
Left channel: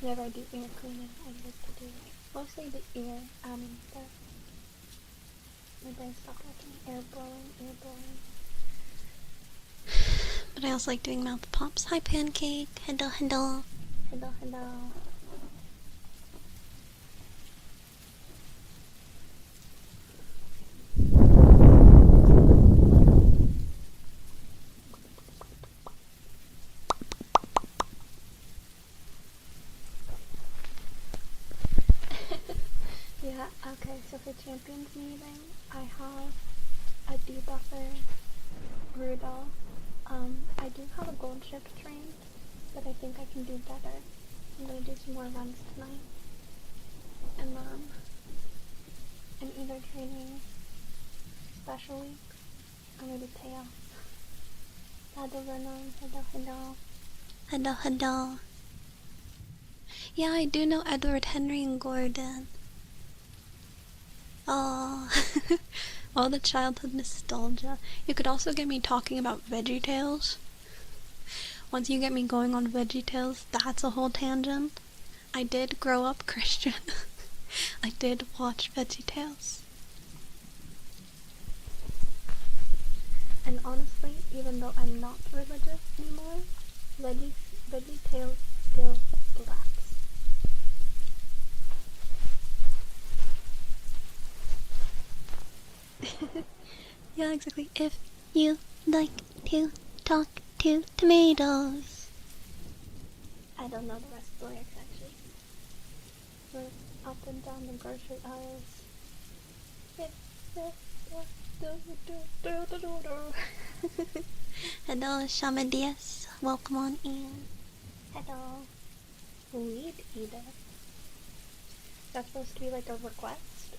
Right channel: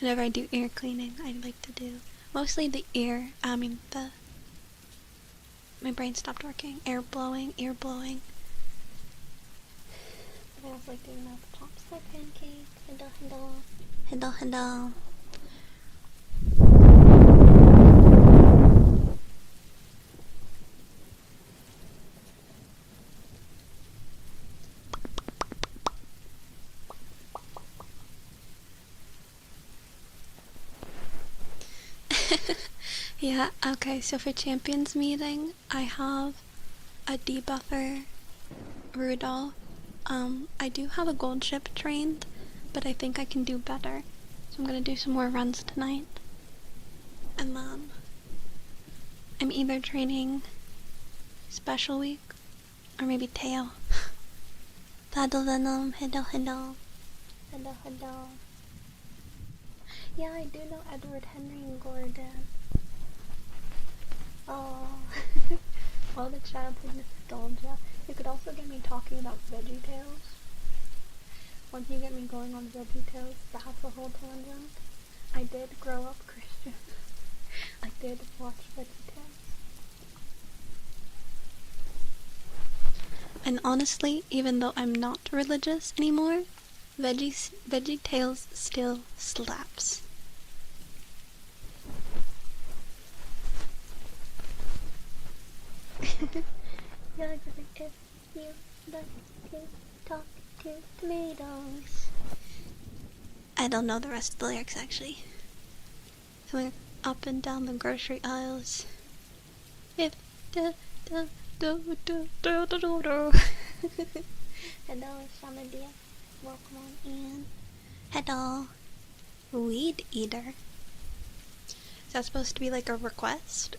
Whenever I do ear cleaning, I like to do mostly the ear, my brain stopped working. Ear blowing. But I also like doing mouth pops. Hi, Pancake. Hello, hello. Hello, hello. Yeah, okay, so for Champions meeting, I have a debuffer Rudolph. I do have a gold ship trained, but I think I can do better. So I'm gonna do some more runs tonight. And then I'm either training Special Week or maybe Teo. Battle Venom, hello, hello. Hello, hello. Yeah, I do know Edward Henry and Gordon. Oh, all the childhood nostalgia. You could also get me talking about VeggieTales. Once you get me going on VeggieTales, that's a whole tangent. I did grow up Christian. I did watch VeggieTales. And honestly, even though I'm not religious anymore, VeggieTales still slaps. Yeah, exactly. If you like to talk to tomatoes. I don't know the rest of the lyrics actually. Going up and down the grocery aisles. If Hello, Shamadias. Welcome on in. Hello. Weed eater. Is that supposed to be like a request?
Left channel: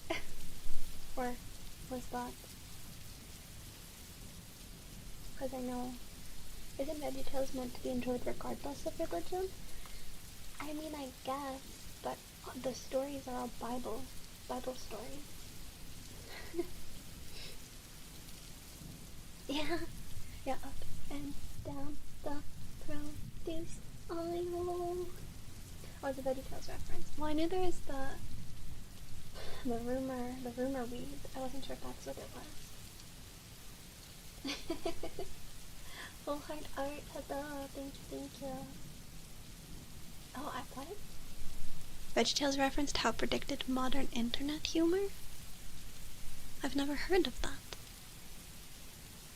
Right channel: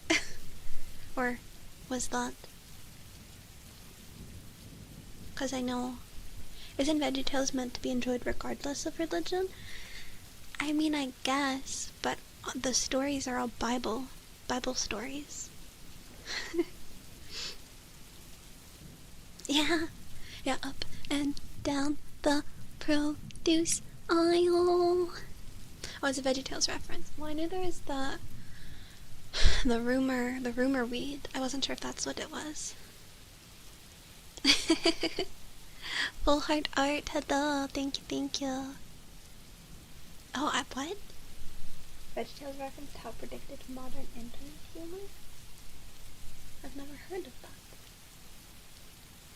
Or was that? Because I know, isn't VeggieTales meant to be enjoyed regardless of religion? I mean, I guess, but the stories are all Bible stories. Yeah, up and down the produce aisle. Oh, it's a VeggieTales reference. Well, I knew there was the rumor weed. I wasn't sure if that's what it was. Full heart art, hello, thank you, thank you. Oh, what? VeggieTales referenced how predicted modern internet humor? I've never heard of that.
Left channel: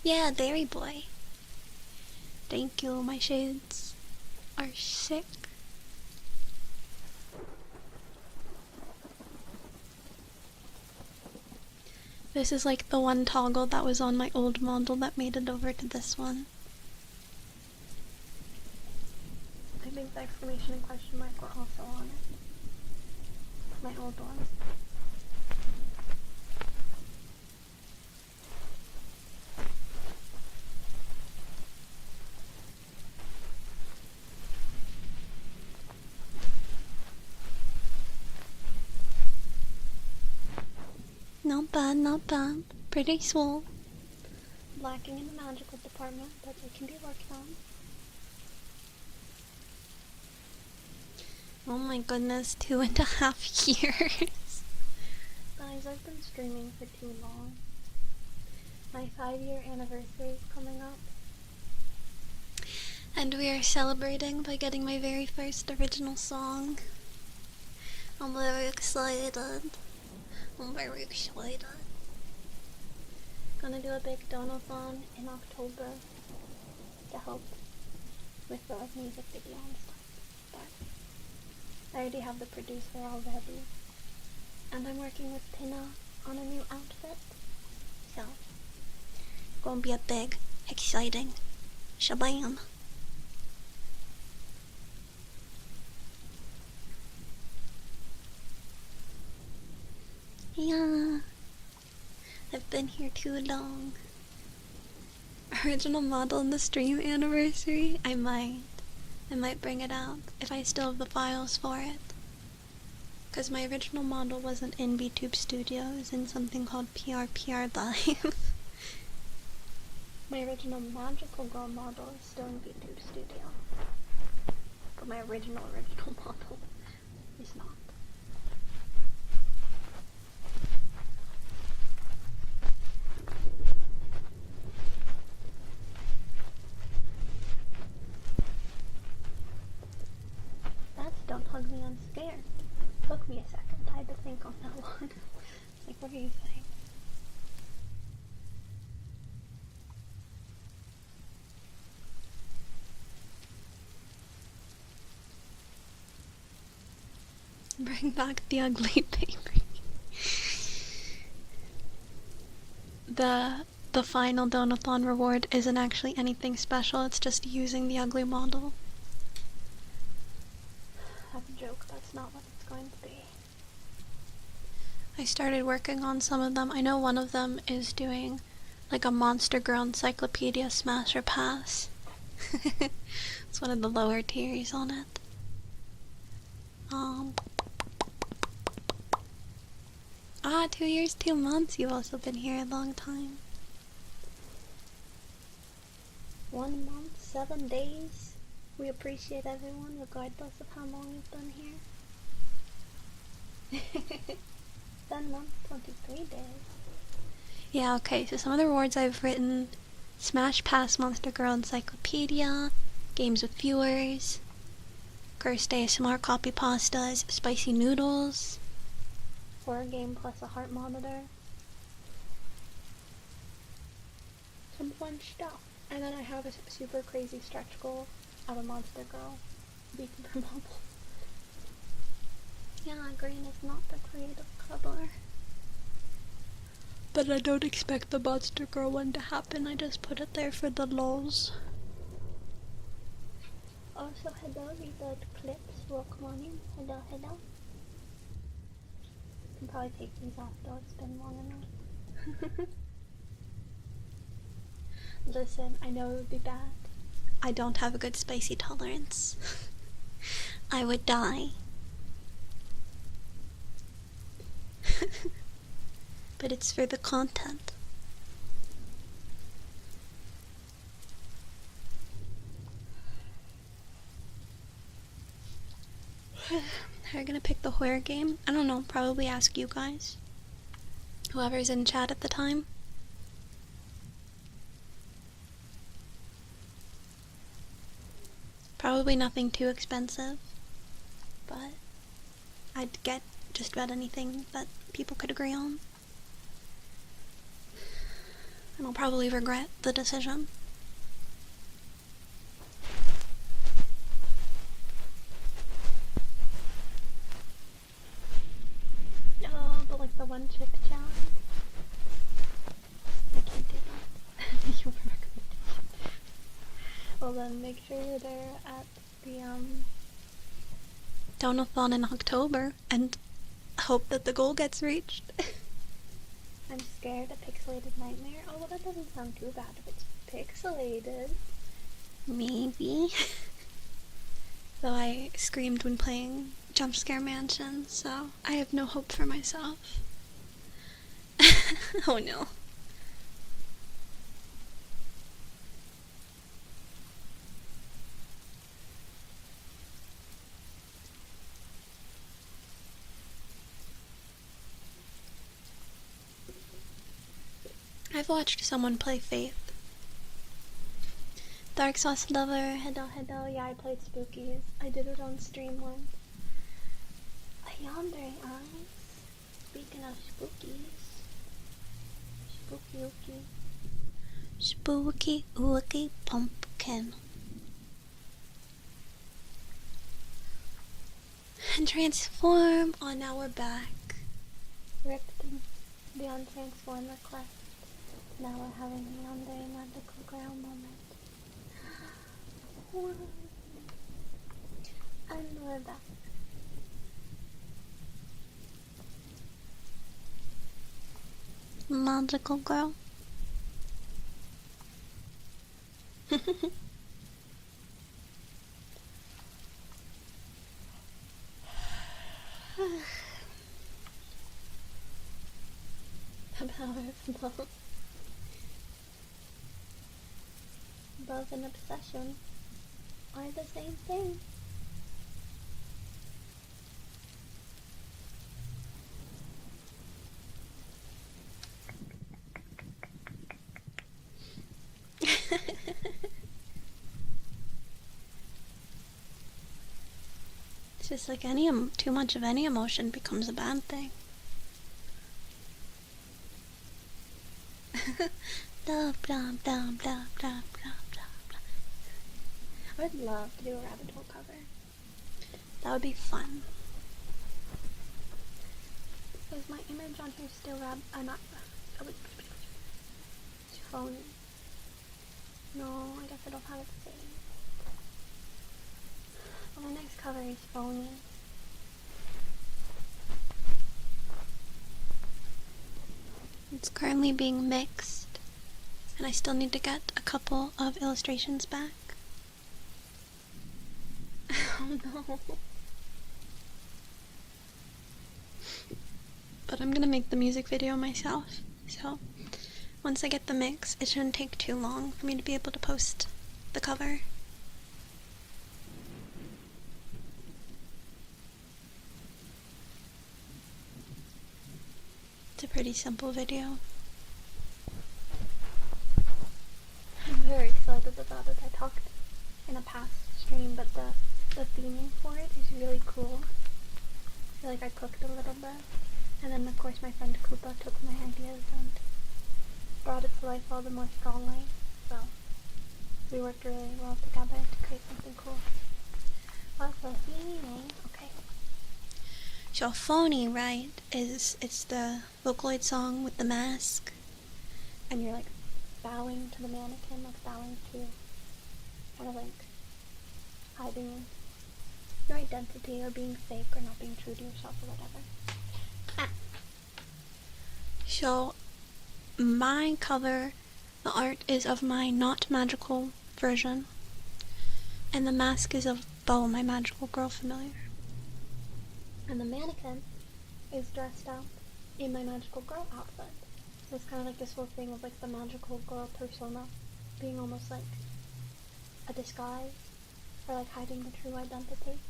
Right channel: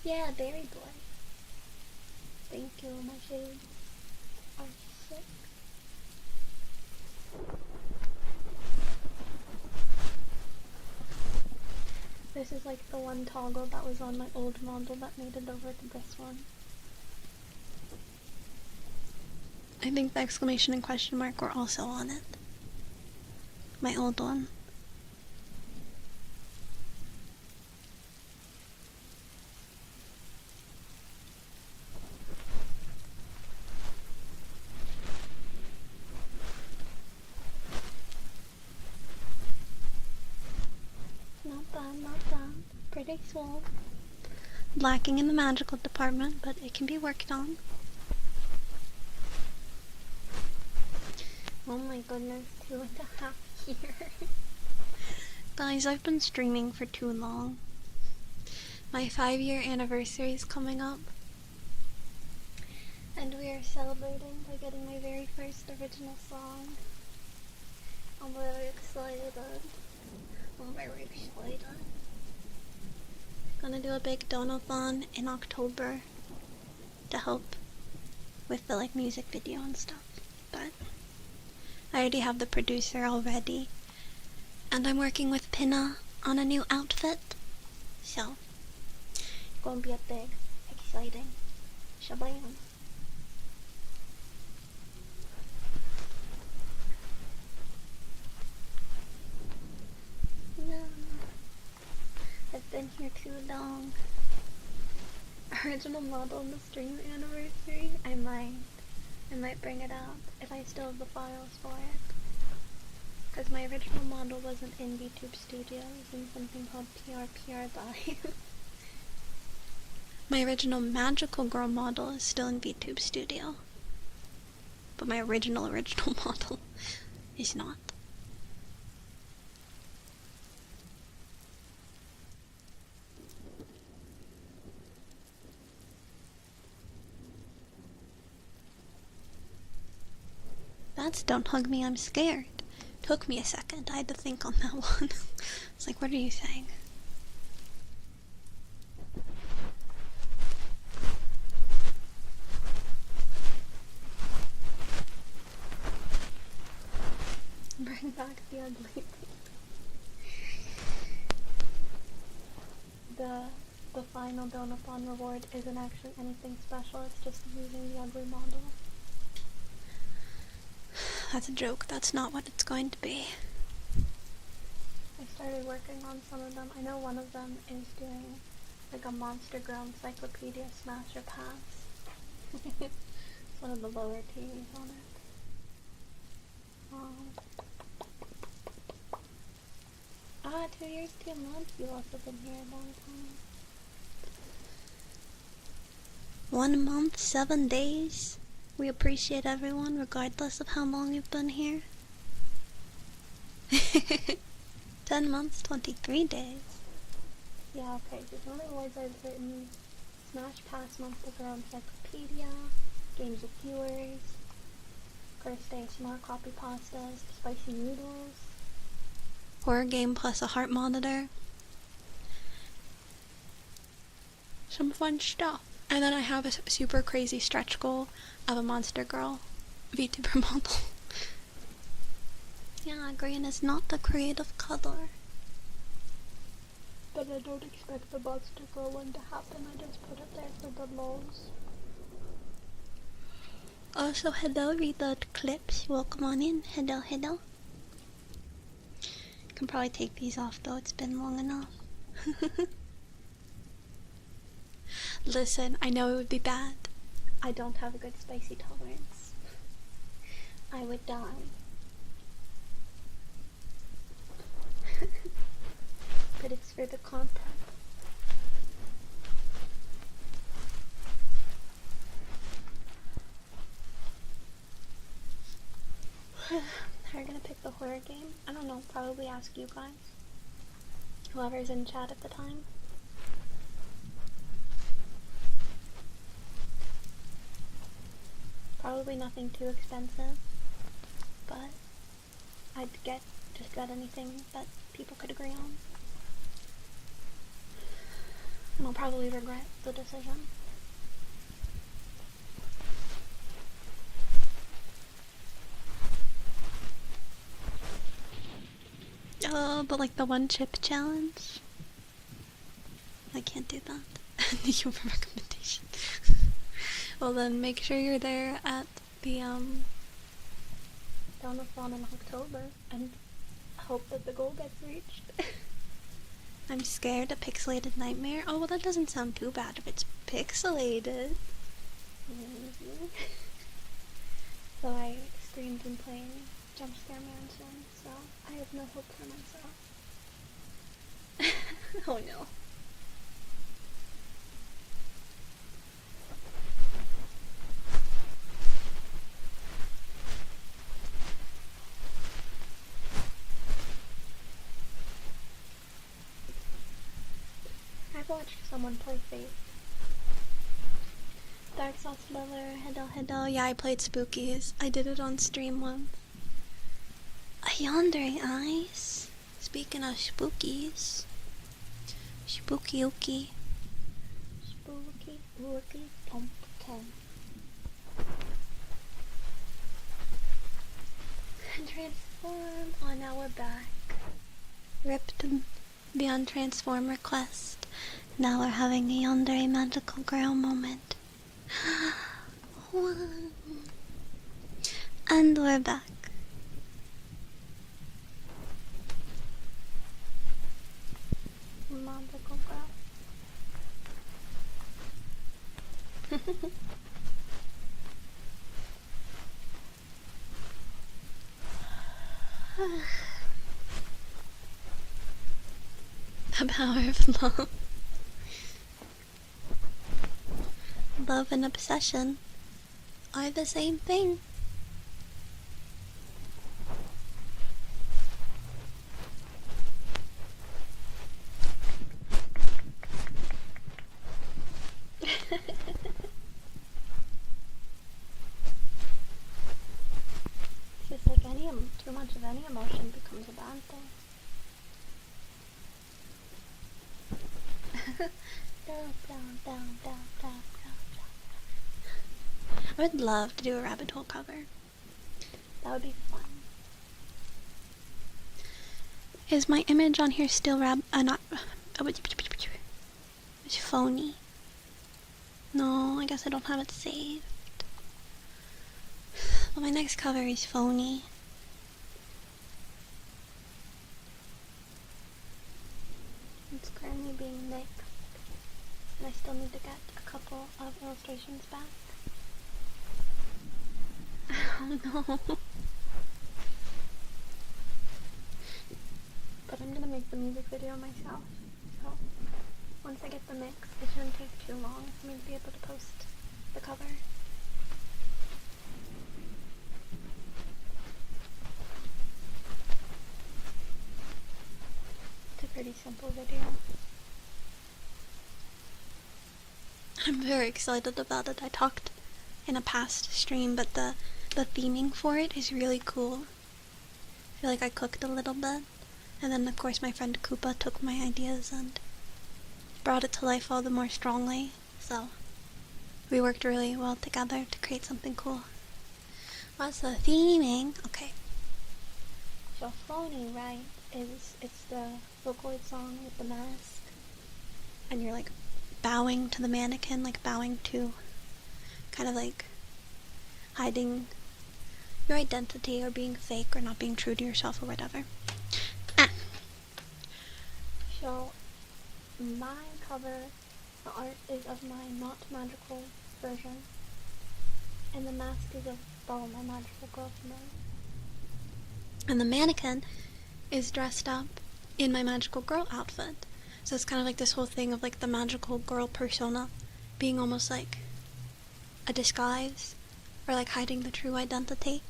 Yeah, Dairy Boy. Thank you, my shades are sick. This is like the one toggle that was on my old model that made it over to this one. I think the exclamation and question mark were also on it. My old one. Not bad, not bad. Pretty swole. Lacking in the magical department, but it can be worked on. Oh my goodness, 2.5 years. Guys, I've been streaming for too long. My 5-year anniversary is coming up. And we are celebrating by getting my very first original song. I'm very excited. Gonna do a big donathon in October to help with the music video and stuff. But I already have the producer already. And I'm working with Pinna on a new outfit. So, gonna be a big, exciting shabam. Yeah, I've been here too long. Original model in the stream anniversary? I might bring it out if I still have the files for it. Because my original model wasn't in Vtube Studio, it was in something called PRPR Live. My original magical girl model is still in Vtube Studio. But my original model is not. That's Don't Hug Me, I'm Scared. Took me a second, I had to think on that one. It's like, what are you saying? Bring back the ugly baby. The final donathon reward isn't actually anything special, it's just using the ugly model. That's a joke, that's not what it's going to be. I started working on some of them. I know one of them is doing like a Monster Girl Encyclopedia Smasher Pass. It's one of the lower tiers on it. 2 years, 2 months. You've also been here a long time. 1 month, 7 days. We appreciate everyone regardless of how long you've been here. 10 months, 23 days. Yeah, okay, so some of the rewards I've written: Smash Pass Monster Girl Encyclopedia, Games with Viewers, Cursed ASMR Copy Pastas, Spicy Noodles, Horror Game plus a Heart Monitor. Some fun stuff. And then I have a super crazy stretch goal of a Monster Girl VTuber model. Yeah, green is not the creative color. But I don't expect the Monster Girl one to happen, I just put it there for the lulz. Also, hello, read the clips. Welcome on in. Hello, hello. I can probably take these off though, it's been long enough. Listen, I know it would be bad. I don't have a good spicy tolerance. I would die. But it's for the content. How are you gonna pick the horror game? I don't know, probably ask you guys. Whoever's in chat at the time. Probably nothing too expensive, but I'd get just about anything that people could agree on. And I'll probably regret the decision. Oh, but like the one chip challenge? I can't do that. Thank you for recommendation. Well then, make sure you're there at the donathon in October and hope that the goal gets reached. I'm scared. A pixelated nightmare. Oh well, that doesn't sound too bad if it's pixelated. Maybe. Though I screamed when playing Jump Scare Mansion, so I have no hope for myself. Oh no. I've watched someone play Faith. Dark Sauce Lover, hello. Yeah, I played Spookies. I did it on stream once. Yandere Eyes. Speaking of spookies. Spooky ookie. Spooky ookie pumpkin. And transform. Oh, now we're back. Ripped beyond transform request. Now we're having a yandere magical girl moment. And we're back. Magical girl. The power of love. Love and obsession are the same thing. It's just like too much of any emotion becomes a bad thing. I would love to do a rabbit hole cover. That would be fun. Is my image on here still not... It's phony. No, I guess I don't have it saved. But my next cover is phony. It's currently being mixed, and I still need to get a couple of illustrations back. Oh no. But I'm gonna make the music video myself, so once I get the mix, it shouldn't take too long for me to be able to post the cover. It's a pretty simple video. I'm very excited about it. I talked in a past stream, but the theming for it is really cool. I feel like I cooked a little bit, and then of course my friend Koopa took my ideas and brought it to life all the more strongly, so we worked really well together to create something cool. What's the theming? Okay. So phony, right, it's the Vocaloid song with the mask, and you're like bowing to the mannequin, like bowing to kind of like hiding your identity or being fake or not being true to yourself or whatever. So my cover, the art is of my not magical version, and the mask is of Bo, my magical girl familiar. And the mannequin is dressed up in my magical girl outfit. So it's kind of like this whole thing of like the magical girl persona being almost like a disguise, or like hiding the true identity,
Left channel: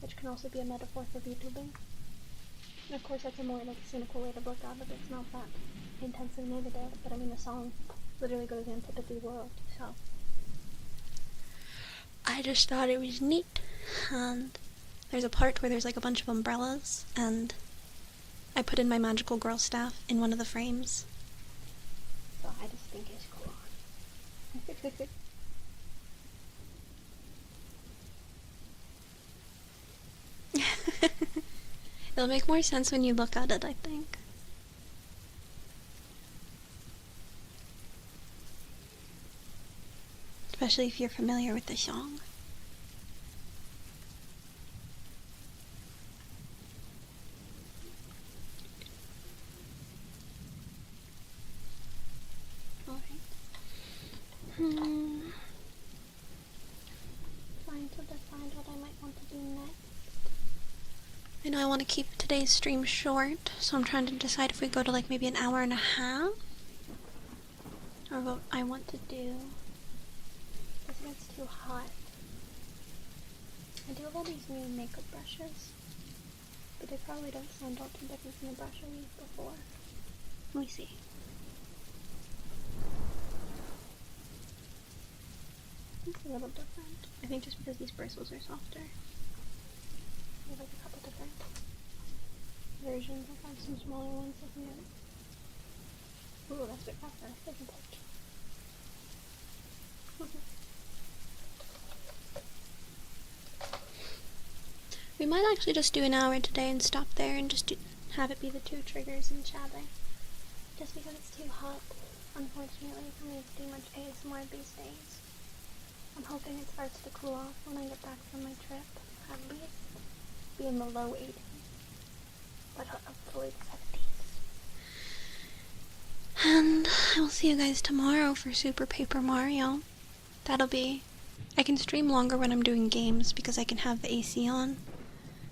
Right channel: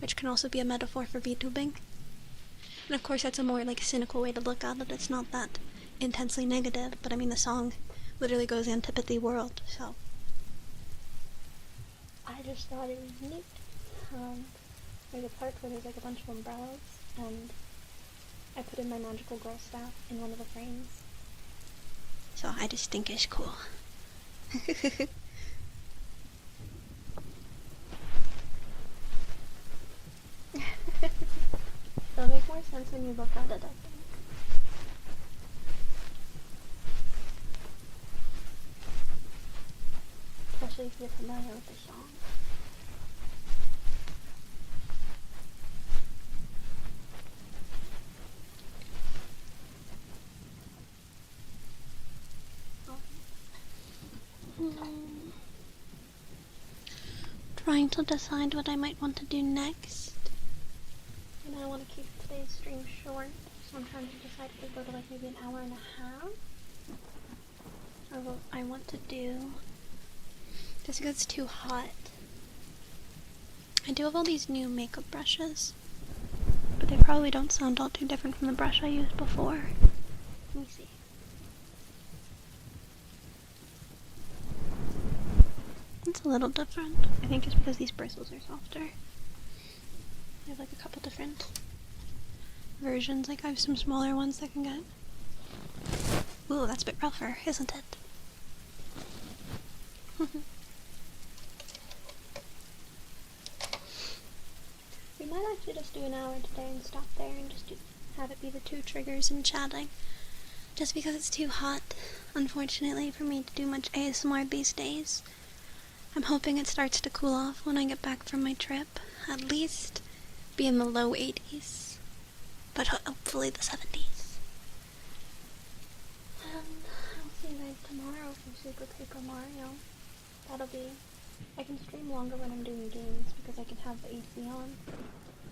which can also be a metaphor for VTubing. And of course that's a more like cynical way to look at it. It's not that intensely negative, but I mean the song literally goes antipathy world, so I just thought it was neat. And there's a part where there's like a bunch of umbrellas, and I put in my magical girl staff in one of the frames. So I just think it's cool. It'll make more sense when you look at it, I think. Especially if you're familiar with the song. Trying to decide what I might want to do next. I know I want to keep today's stream short, so I'm trying to decide if we go to like maybe an hour and a half, or what I want to do. Just because it's too hot. I do have all these new makeup brushes, but they probably don't sound all too different from the brush I used before. Let me see. It's a little different. I think just because these bristles are softer. There's like a couple different versions. Like I have some smaller ones that can get... Ooh, that's a bit rougher, isn't it? We might actually just do an hour today and stop there and just have it be the 2 triggers and chatting. Just because it's too hot, unfortunately, for me to do much ASMR these days. I'm hoping it starts to cool off when I get back from my trip. At least be in the low 80s, but hopefully the 70s. And I will see you guys tomorrow for Super Paper Mario. That'll be... I can stream longer when I'm doing games because I can have the AC on.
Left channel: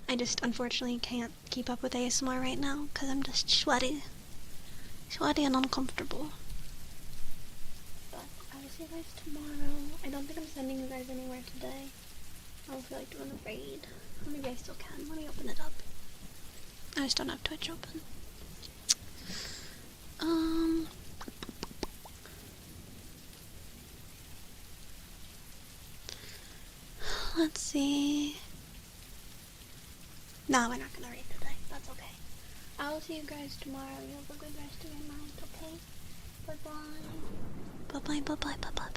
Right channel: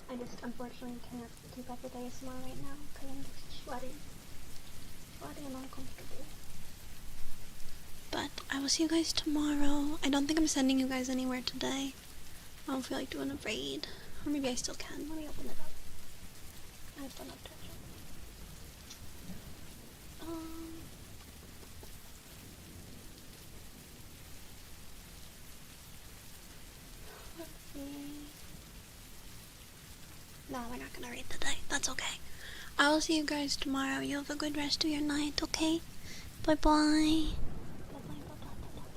I just unfortunately can't keep up with ASMR right now because I'm just sweaty. Sweaty and uncomfortable. But I will see you guys tomorrow. I don't think I'm sending you guys anywhere today. I don't feel like doing a raid. Or maybe I still can. Let me open it up. I just don't have Twitch open. Let's see. No, we're not gonna read today. That's okay. I will see you guys tomorrow. You have a good rest of your night, okay? Bye bye. Bye bye, bye bye, bye bye.